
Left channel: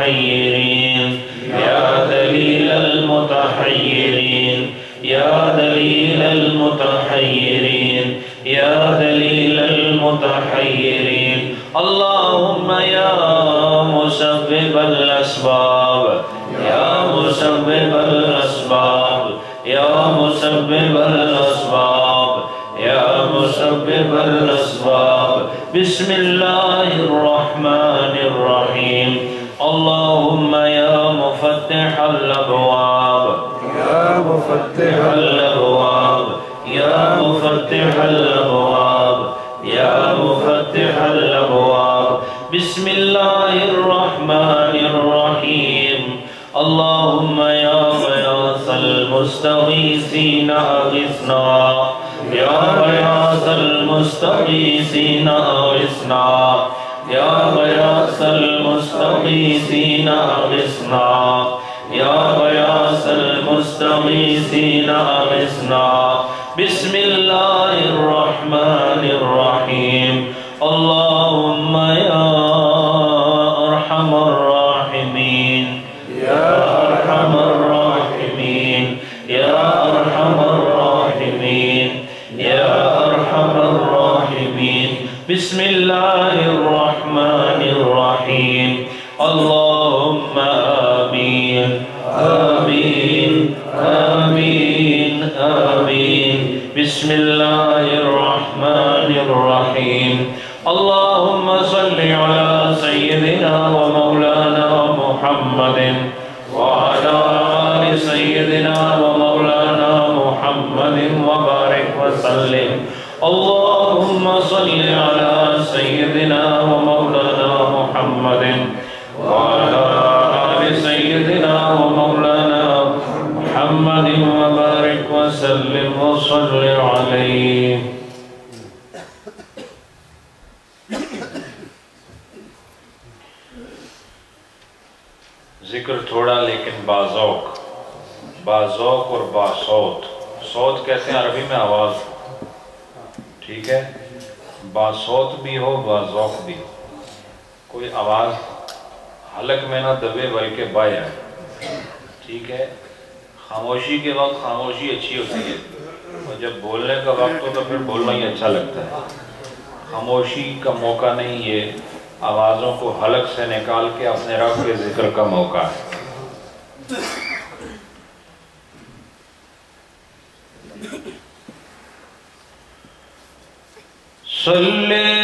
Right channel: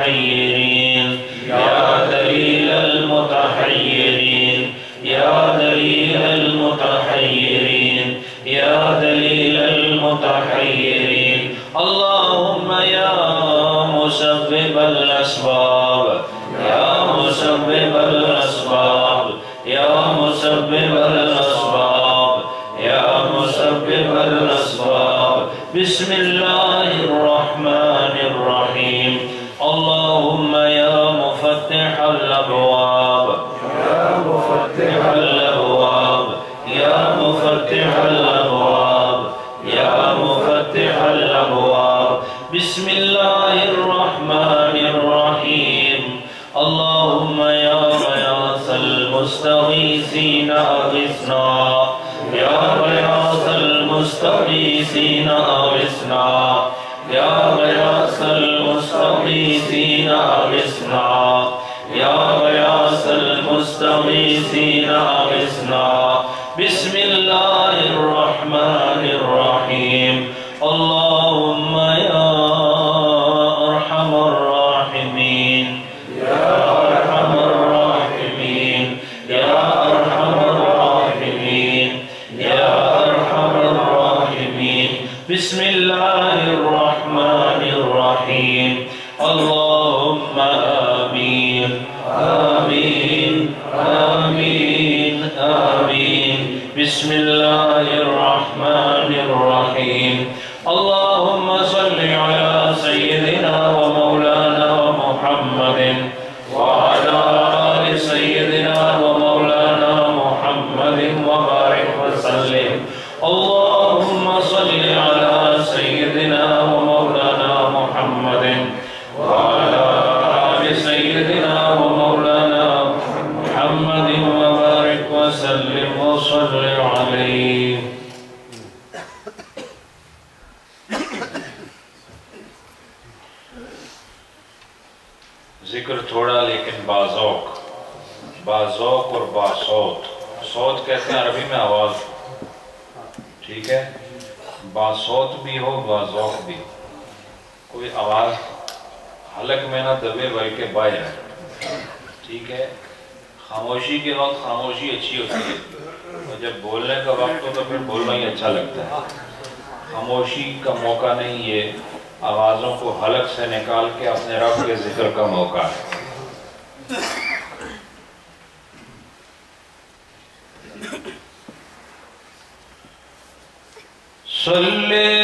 المتحيرين يا دليل المتحيرين يا دليل المتحيرين يا دليل المتحيرين اللهم مسبب الاسباب یا مسبب الاسباب یا مسبب الاسباب یا مسبب الاسباب بسم اللہ الرحمن الرحیم اللہم یا مفتح الابواب یا مفتح الابواب یا مفتح الابواب یا مفتح الابواب بسم اللہ الرحمن الرحیم اللہم یا غیاث المستغیثین اغثنا یا غیاث المستغیثین اغثنا یا غیاث المستغیثین اغثنا یا غیاث المستغیثین اغثنا بسم اللہ الرحمن الرحیم اللہم یا ارحم الراحمین یا ارحم الراحمین یا ارحم الراحمین یا ارحم الراحمین بسم اللہ الرحمن الرحیم اللہم آمین آمین آمین آمین بسم اللہ الرحمن الرحیم اللہم صلی علی سیدنا و مولانا محمد وعلی آل سیدنا و مولانا محمد وبارک وسلم اللہم صلی علی سیدنا و مولانا محمد وعلی آل سیدنا و مولانا محمد وبارک وسلم وصلی علیہ ذکر تھوڑا لیکن باذوق اور باصوت صوت کہتے ہیں عربی میں آواز ٹھیک ہے باصوت بھی ہو باذوق بھی کوئی آواز حلق میں نہ دبے بلکہ باہر ہے ٹھیک ہے خاموشی کے وقت خاموشی اچھی ہوتی ہے اور جب بولنے کا وقت ہو تو پھر بولنا ہی اچھا لگتا ہے خاموشی کا موقع نہیں یہ آوازوں کو حلق سے نکال کے اپنے رب کے ذکر کا موقع ہے صلی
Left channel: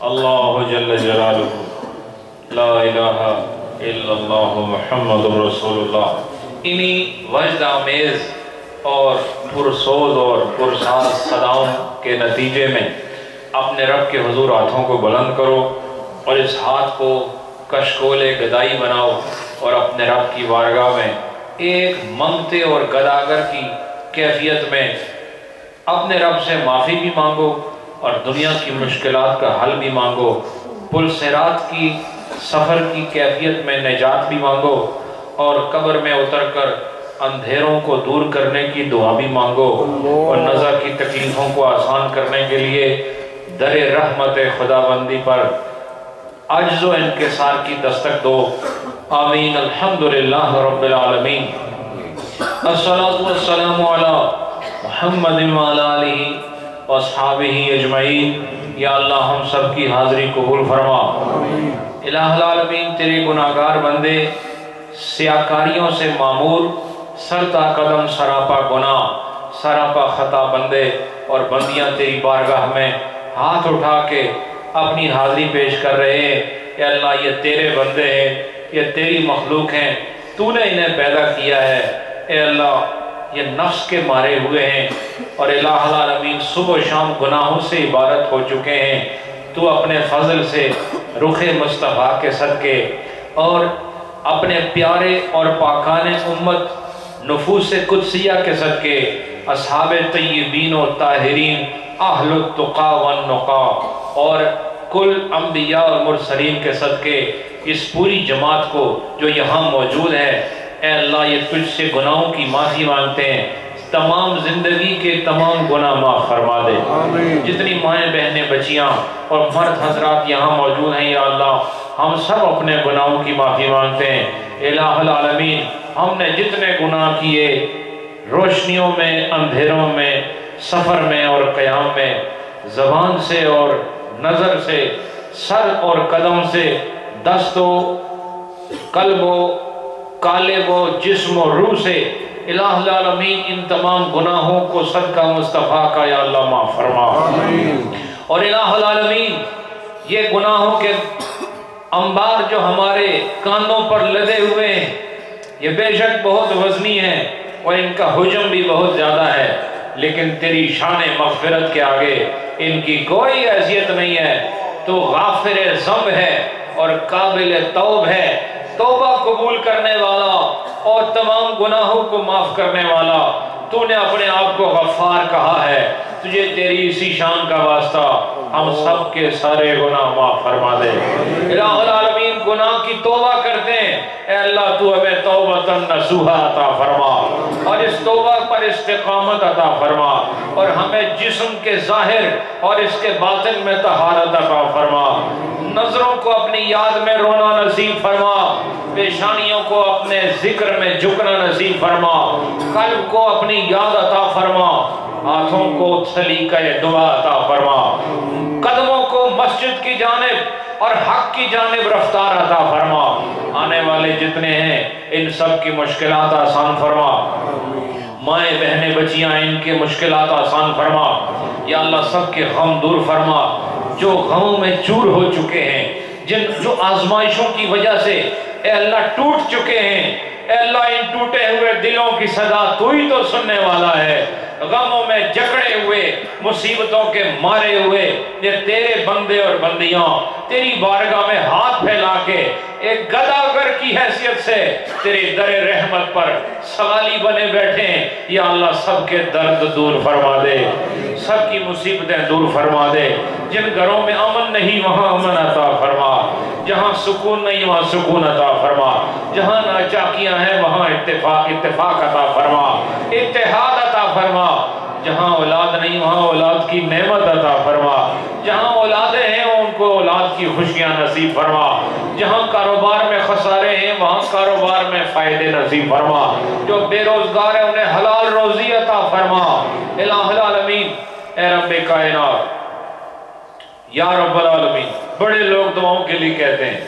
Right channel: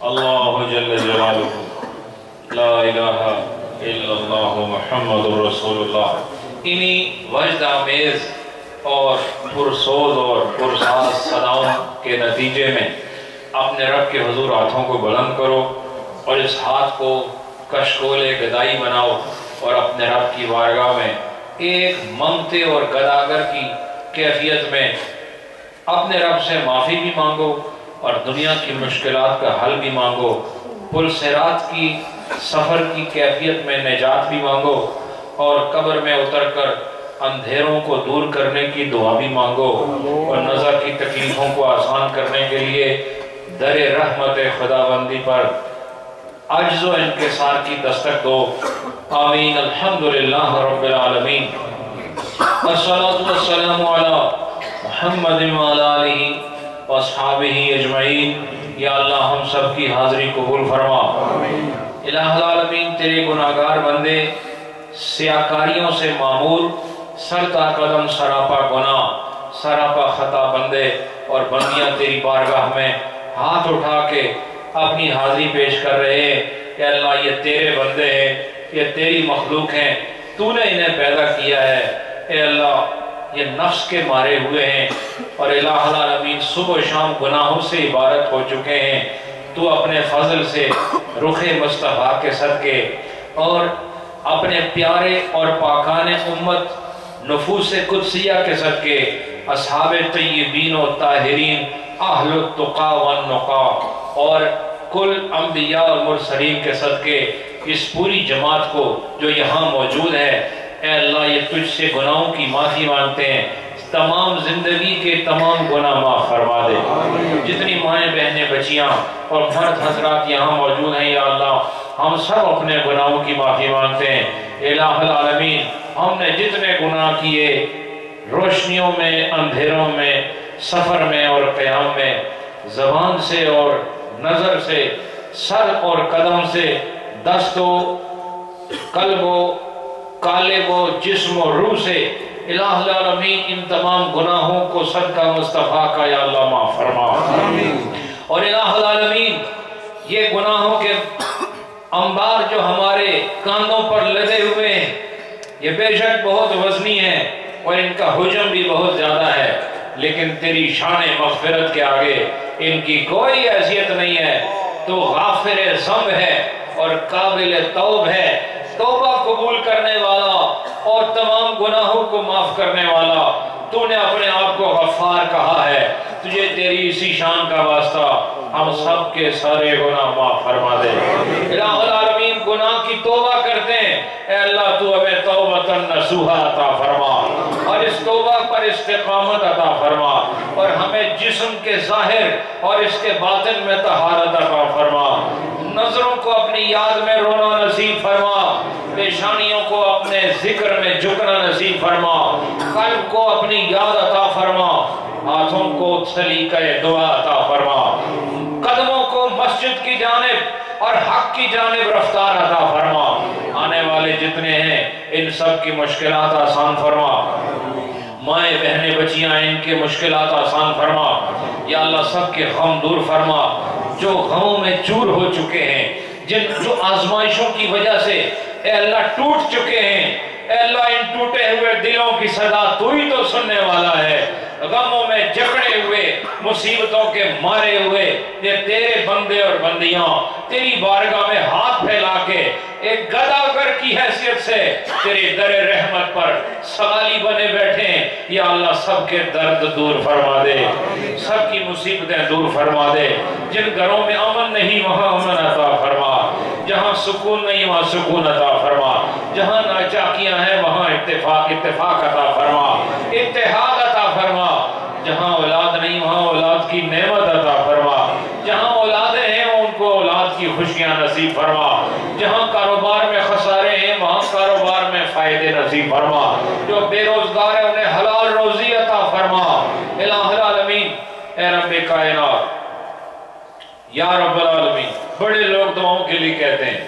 اللہ جل جلالہ لا الہ الا اللہ محمد رسول اللہ۔ انہی وجد آمیز اور پرسوز اور پرساز صداؤں کے نتیجے میں اپنے رب کے حضور ہاتھوں کو بلند کرو اور اس ہاتھ کو کشکول گدائی بناؤ اور اپنے رب کی بارگاہ میں ایک منگتے اور گداگر کی کیفیت میں اپنے رب سے معافی بھی مانگو اور دنیا کی مشکلات کا حل بھی مانگو، پل صراط کی سفر کی کیفیت میں نجات بھی مانگو اور قبر میں اتر کر اندھیروں کو دور کرنے کی دعا بھی مانگو اور نظر کی تکلیفوں کو آسان کرنے کے لیے در رحمت خداوندی پر عجز و انکسار کی دستک دو۔ آمین۔ الحمدللہ رب العالمین۔ الصلاة والسلام علی محمد وعلی آلہ واصحابہ اجمعین۔ یا اللہ ہم سب کی حاضری قبول فرما۔ الہ العالمین تیرے گناہگار بندے سیاکاریوں سے معمور، سرتا قدم سراپا گناہ سراپا خطا بندے اور بندیاں تیری بارگاہ میں ہاتھ اٹھا کے اپنی حاضری پیش کر رہے ہیں۔ کہ اللہ یہ تیرے بندے ہیں، یہ تیری مخلوق ہیں، تو نے انہیں پیدا کیا ہے۔ اے اللہ یہ نفس کے مارے ہوئے ہیں اور الہ العالمین صبح و شام گناہوں سے عبارت ہو چکے ہیں۔ تو اپنے فضل سے رخ مصطفیٰ کے صدقے اور اپنے پیارے اور پاکان امت نفوس قدسیہ کے صدقے اصحاب طیبین و طاہرین اہل التقا والنقا اور کل انبیاء اور مرسلین کے صدقے اس پوری جماعت کو جو یہاں موجود ہے، اے اللہ یہ تجھ سے گناہوں کی معافی مانگتے ہیں، تمام زندگی کے تمام گناہ معاف فرما دے۔ جتنی مائیں بہنیں بچیاں اور مرد حضرات یہاں موجود ہیں یا اللہ ہم سب اپنے گناہوں کی معافی مانگتے ہیں۔ الہ العالمین ہم نے جتنے گناہ کیے روشنیوں میں، اندھیروں میں، سفر میں اور قیام میں، زبان سے اور نظر سے، سر اور قدم سے، دست و قلب و قالب و جسم و روح سے، الہ العالمین ان تمام گناہوں کو صدقہ مصطفیٰ کا یا اللہ معاف فرما۔ اور الہ العالمین یہ گناہوں کے انبار جو ہمارے کانوں پر لدے ہوئے ہیں یہ بے شک بہت وزنی ہے اور ان کا حجم بھی بہت زیادہ ہے، لیکن تیری شان مغفرت کے آگے ان کی کوئی حیثیت نہیں ہے۔ تو غافر ذنب ہے اور قابل توب ہے، توبہ قبول کرنے والا اور تمام گناہوں کو معاف کرنے والا، تو نے اپنے آپ کو غفار کہا ہے، تجھے تیری اسی شان کا واسطہ ہم سب کے سارے گناہ معاف فرما دے۔ الہ العالمین گناہ کی توبہ کرتے ہیں، اے اللہ تو ہمیں توبۃ نصوحا عطا فرما اور اس توبہ پر استقامت عطا فرما، اور ہمیں جسم کے ظاہر اور اس کے باطن میں طہارت عطا فرما، نظروں کو اپنی یاد میں رونا نصیب فرما، پیشانیوں کو اپنے ذکر میں جھکنا نصیب فرما، قلب کو اپنی یاد عطا فرما، ہاتھوں کو سلیقہ دعا عطا فرما، قدموں کو مسجد کی جانب اور حق کی جانب رفتار عطا فرما، آنے والے جتنے ہیں ان سب کی مشکلات آسان فرما، مائیں بہنیں بچیاں ان کے مشکلات آسان فرما، یا اللہ سب کے غم دور فرما، جو غموں میں چور ہو چکے ہیں، جو آزمائشوں کی وجہ سے اے اللہ ٹوٹ چکے ہیں، اے اللہ ان ٹوٹے ہوئے دلوں کی صدا تو ہی تو سننے والا ہے، غموں میں جکڑے ہوئے، مصیبتوں کے مارے ہوئے یہ تیرے بندے اور بندیاں تیری بارگاہ میں ہاتھ پھیلا کے ایک گداگر کی حیثیت سے تیرے در رحمت پر سوالی بنے بیٹھے ہیں، یا اللہ سب کے درد دور فرما دے، سب کی مصیبتیں دور فرما دے، جن گھروں میں امن نہیں وہاں امن عطا فرما، جہاں سکون نہیں وہاں سکون عطا فرما، جہاں ناچاکیاں ہیں وہاں اتفاق عطا فرما، اتحاد عطا فرما، جہاں اولاد نہیں وہاں اولاد کی نعمت عطا فرما، جہاں اولادیں ہیں ان کو اولاد کی خوشیاں نصیب فرما، جہاں کاروبار میں خسارے ہیں وہاں کاروبار میں فائدے نصیب فرما، جو بے روزگار ہیں انہیں حلال روزی عطا فرما، الہ العالمین اے رب کائنات یا رب العالمین۔ بڑے لوگ دعاؤں کے لیے کہتے ہیں،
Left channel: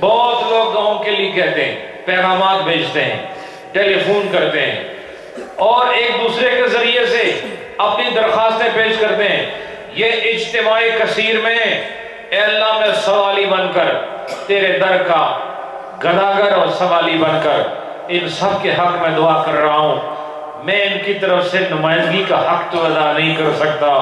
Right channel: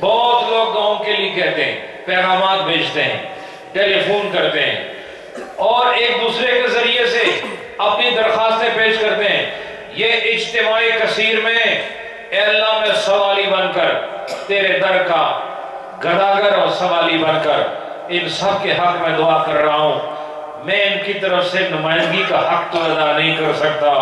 بہت لوگ دعاؤں کے لیے کہتے ہیں، پیغامات بھیجتے ہیں، ٹیلی فون کرتے ہیں اور ایک دوسرے کے ذریعے سے اپنی درخواستیں پیش کرتے ہیں، یہ اجتماعی کثیر میں اے اللہ میں سوالی بن کر تیرے در کا گداگر اور سوالی بن کر ان سب کے حق میں دعا کر رہا ہوں، میں ان کی طرف سے نمائندگی کا حق تو ادا نہیں کر سکتا،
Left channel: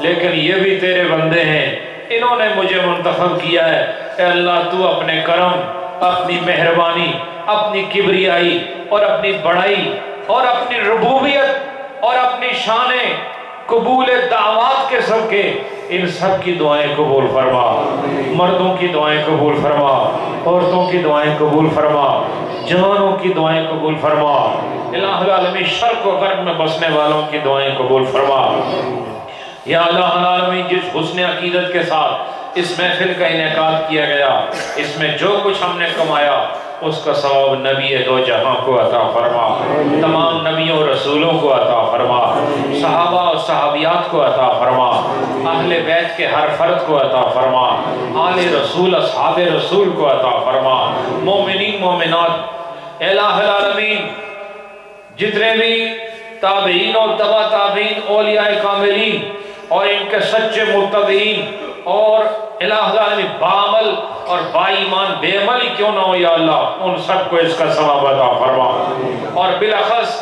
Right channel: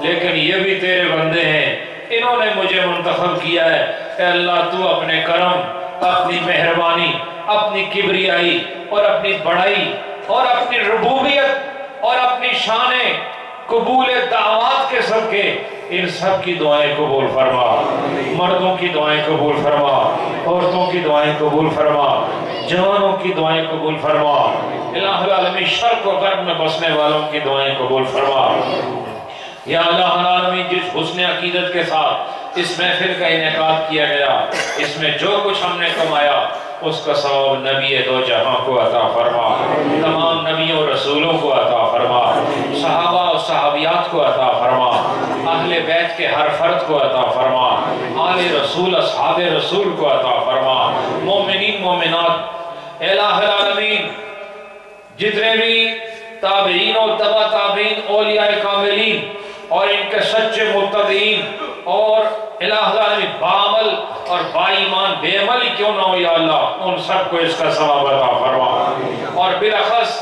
لیکن یہ بھی تیرے بندے ہیں، انہوں نے مجھے منتخب کیا ہے، اے اللہ تو اپنے کرم، اپنی مہربانی، اپنی کبریائی اور اپنی بڑائی اور اپنی ربوبیت اور اپنی شانیں قبول دعوات کے صدقے ان سب کی دعائیں قبول فرما، مردوں کی دعائیں قبول فرما، عورتوں کی دعائیں قبول فرما، جوانوں کی دعائیں قبول فرما، الہ العالمین شرق و غرب میں بسنے والوں کی دعائیں قبول فرما، یا اللہ العالمین جس حسن عقیدت کے ساتھ اس محفل کا انعقاد کیا گیا، اس میں جو کچھ ہم نے کمایا اس کا ثواب نبی دو جہاں کو عطا فرما، تمام نبیوں رسولوں کو عطا فرما، صحابہ اور صحابیات کو عطا فرما، اہل بیت کے ہر فرد کو عطا فرما، آل رسول اصحاب رسول کو عطا فرما، مومنین مومنات الہ العالمین جتنے بھی تابعین اور تبع تابعین اولیاء کاملین اور ان کے سچے متبعین اور الہ العالمین بعمل اور با ایمان بے عمل ہی کیوں نہ ہو یا اللہ ان سب کو اس کا ثواب عطا فرما، اور بالاخص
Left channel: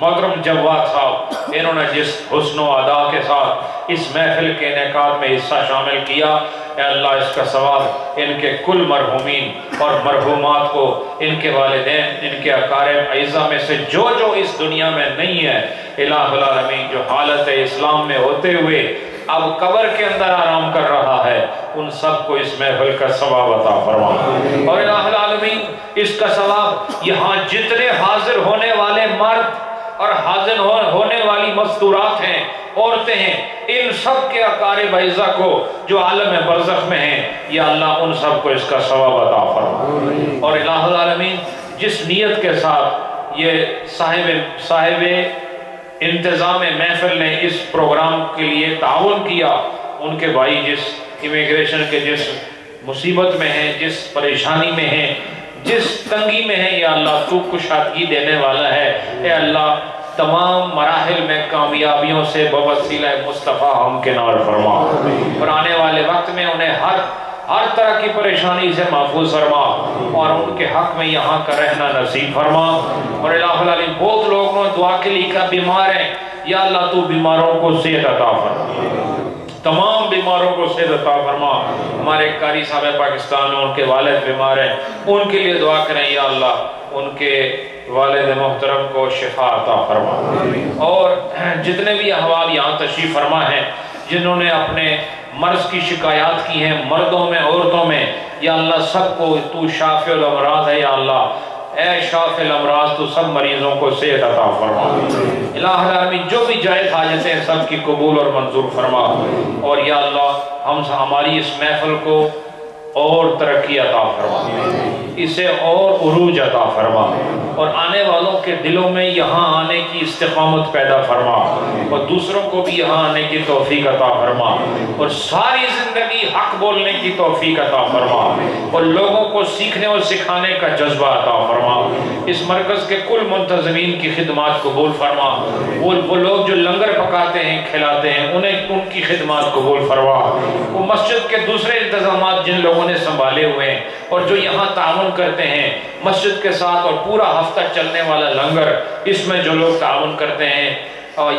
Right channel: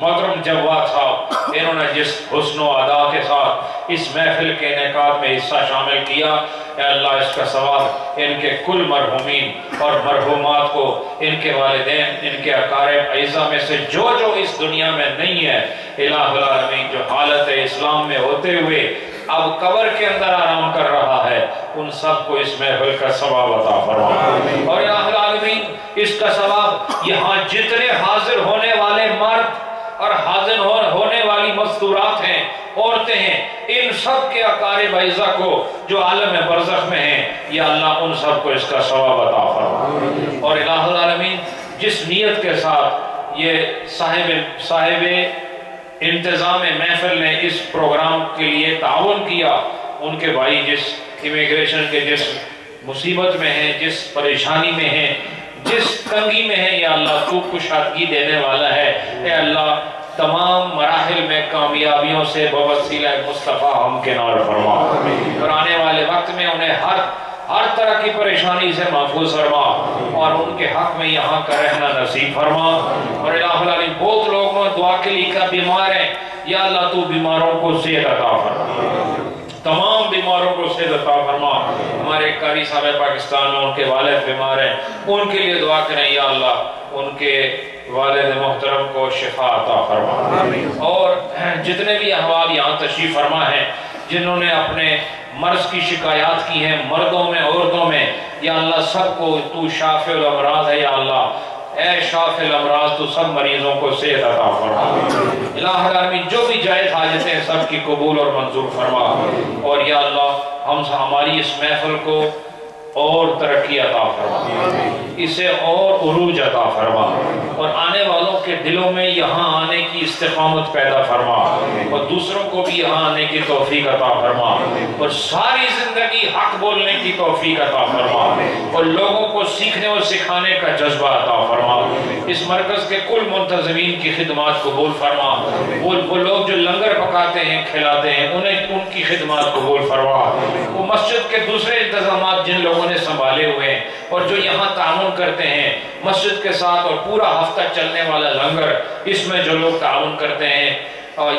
محترم جواد صاحب انہوں نے جس حسن و ادا کے ساتھ اس محفل کے انعقاد میں حصہ شامل کیا، اے اللہ اس کا ثواب ان کے کل مرحومین اور مرحومات کو، ان کے والدین، ان کے اقارب اعزا میں سے جو اس دنیا میں نہیں ہے، الہ العالمین جو حالت اسلام میں ہوتے ہوئے اب قبر کے اندر آرام کر رہا ہے، ان سب کو اس محفل کا ثواب عطا فرما، اور الہ العالمین اس کا ثواب یہاں جتنے حاضر ہونے والے مرد اور حاضر ہونے والی مستورات ہیں، عورتیں ہیں، ان سب کے اقارب اعزا کو جو عالم برزخ میں ہیں، یا اللہ ان سب کو اس کا ثواب عطا فرما، اور الہ العالمین جس نیت کے ساتھ یہ صاحب انتظام محفل نے اس پروگرام کے لیے تعاون کیا، ان کے بھائی جس امیگریشن کے جس مصیبت میں ہیں، جس پریشانی میں ہیں، جس تنگی میں ہیں، یا اللہ تو کشادگی دینے والا ہے، اے اللہ تمام مراحل میں کامیابیوں سے بوسیلہ مصطفیٰ ہمکنار فرما، اور آنے والے وقت میں انہیں ہر طرح کی پریشانی سے محفوظ فرما، اور ان کے حق میں یہاں کا رہنا نصیب فرما، اور الہ العالمین بہت لوگوں نے دعا کے لیے کہا بیمار ہیں، یا اللہ تو بیماروں کو صحت عطا فرما، تمام بیماروں کو صحت عطا فرما. ہمارے قاری صاحب پاکستان میں ان کے والد بیمار ہیں، ان کے لیے دعا کریں یا اللہ ان کے والد محترم کو شفا عطا فرما. اور جتنے بھی احباب یہاں تشریف فرما ہیں جنہوں نے اپنے مرض کی شکایات کی ہیں، مردوں میں عورتوں میں، یا اللہ سب کو تو شافع الامراض ہے یا اللہ، اے شافع الامراض تو سب مریضوں کو صحت عطا فرما. الہ العالمین جو بھی جائز حاجتیں ہیں سب کی قبول اور منظور فرما. اور یا اللہ ہماری اس محفل کو اور ترقی عطا فرما، اسے اور عروج عطا فرما، اور آنے والوں کے دلوں میں یہاں آنے کی استقامت پیدا فرما، اور دوسروں کو بھی یہاں آنے کی توفیق عطا فرما، اور ساری زندگی حق بولنے کی توفیق عطا فرما، اور لوگوں کو سیکھنے اور سکھانے کا جذبہ عطا فرما. اس مرکز کے کل منتظمین کی خدمات قبول فرما. وہ لوگ جو لنگر پکاتے ہیں کھلاتے ہیں ان کی خدمات قبول فرما. وہ مسجد کے دوسرے انتظامات جن لوگوں نے سنبھالے ہوئے ہیں اور جو یہاں تعاون کرتے ہیں مسجد کے ساتھ، اور پورا ہفتہ چلنے والا لنگر اس میں جو لوگ تعاون کرتے ہیں،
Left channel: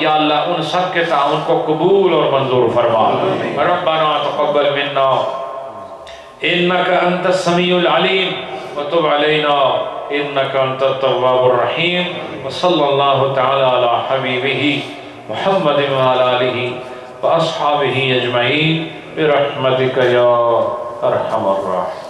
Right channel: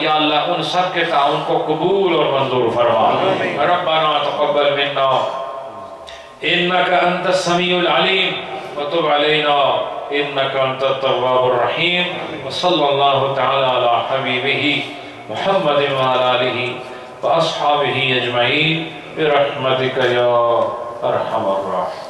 یا اللہ ان سب کے تعاون کو قبول اور منظور فرما. ربنا تقبل منا انك انت السميع العليم وتب علينا انك انت التواب الرحيم. وصلى الله تعالى على حبيبه محمد وعلى آله وأصحابه أجمعين برحمتك يا أرحم الراحمين.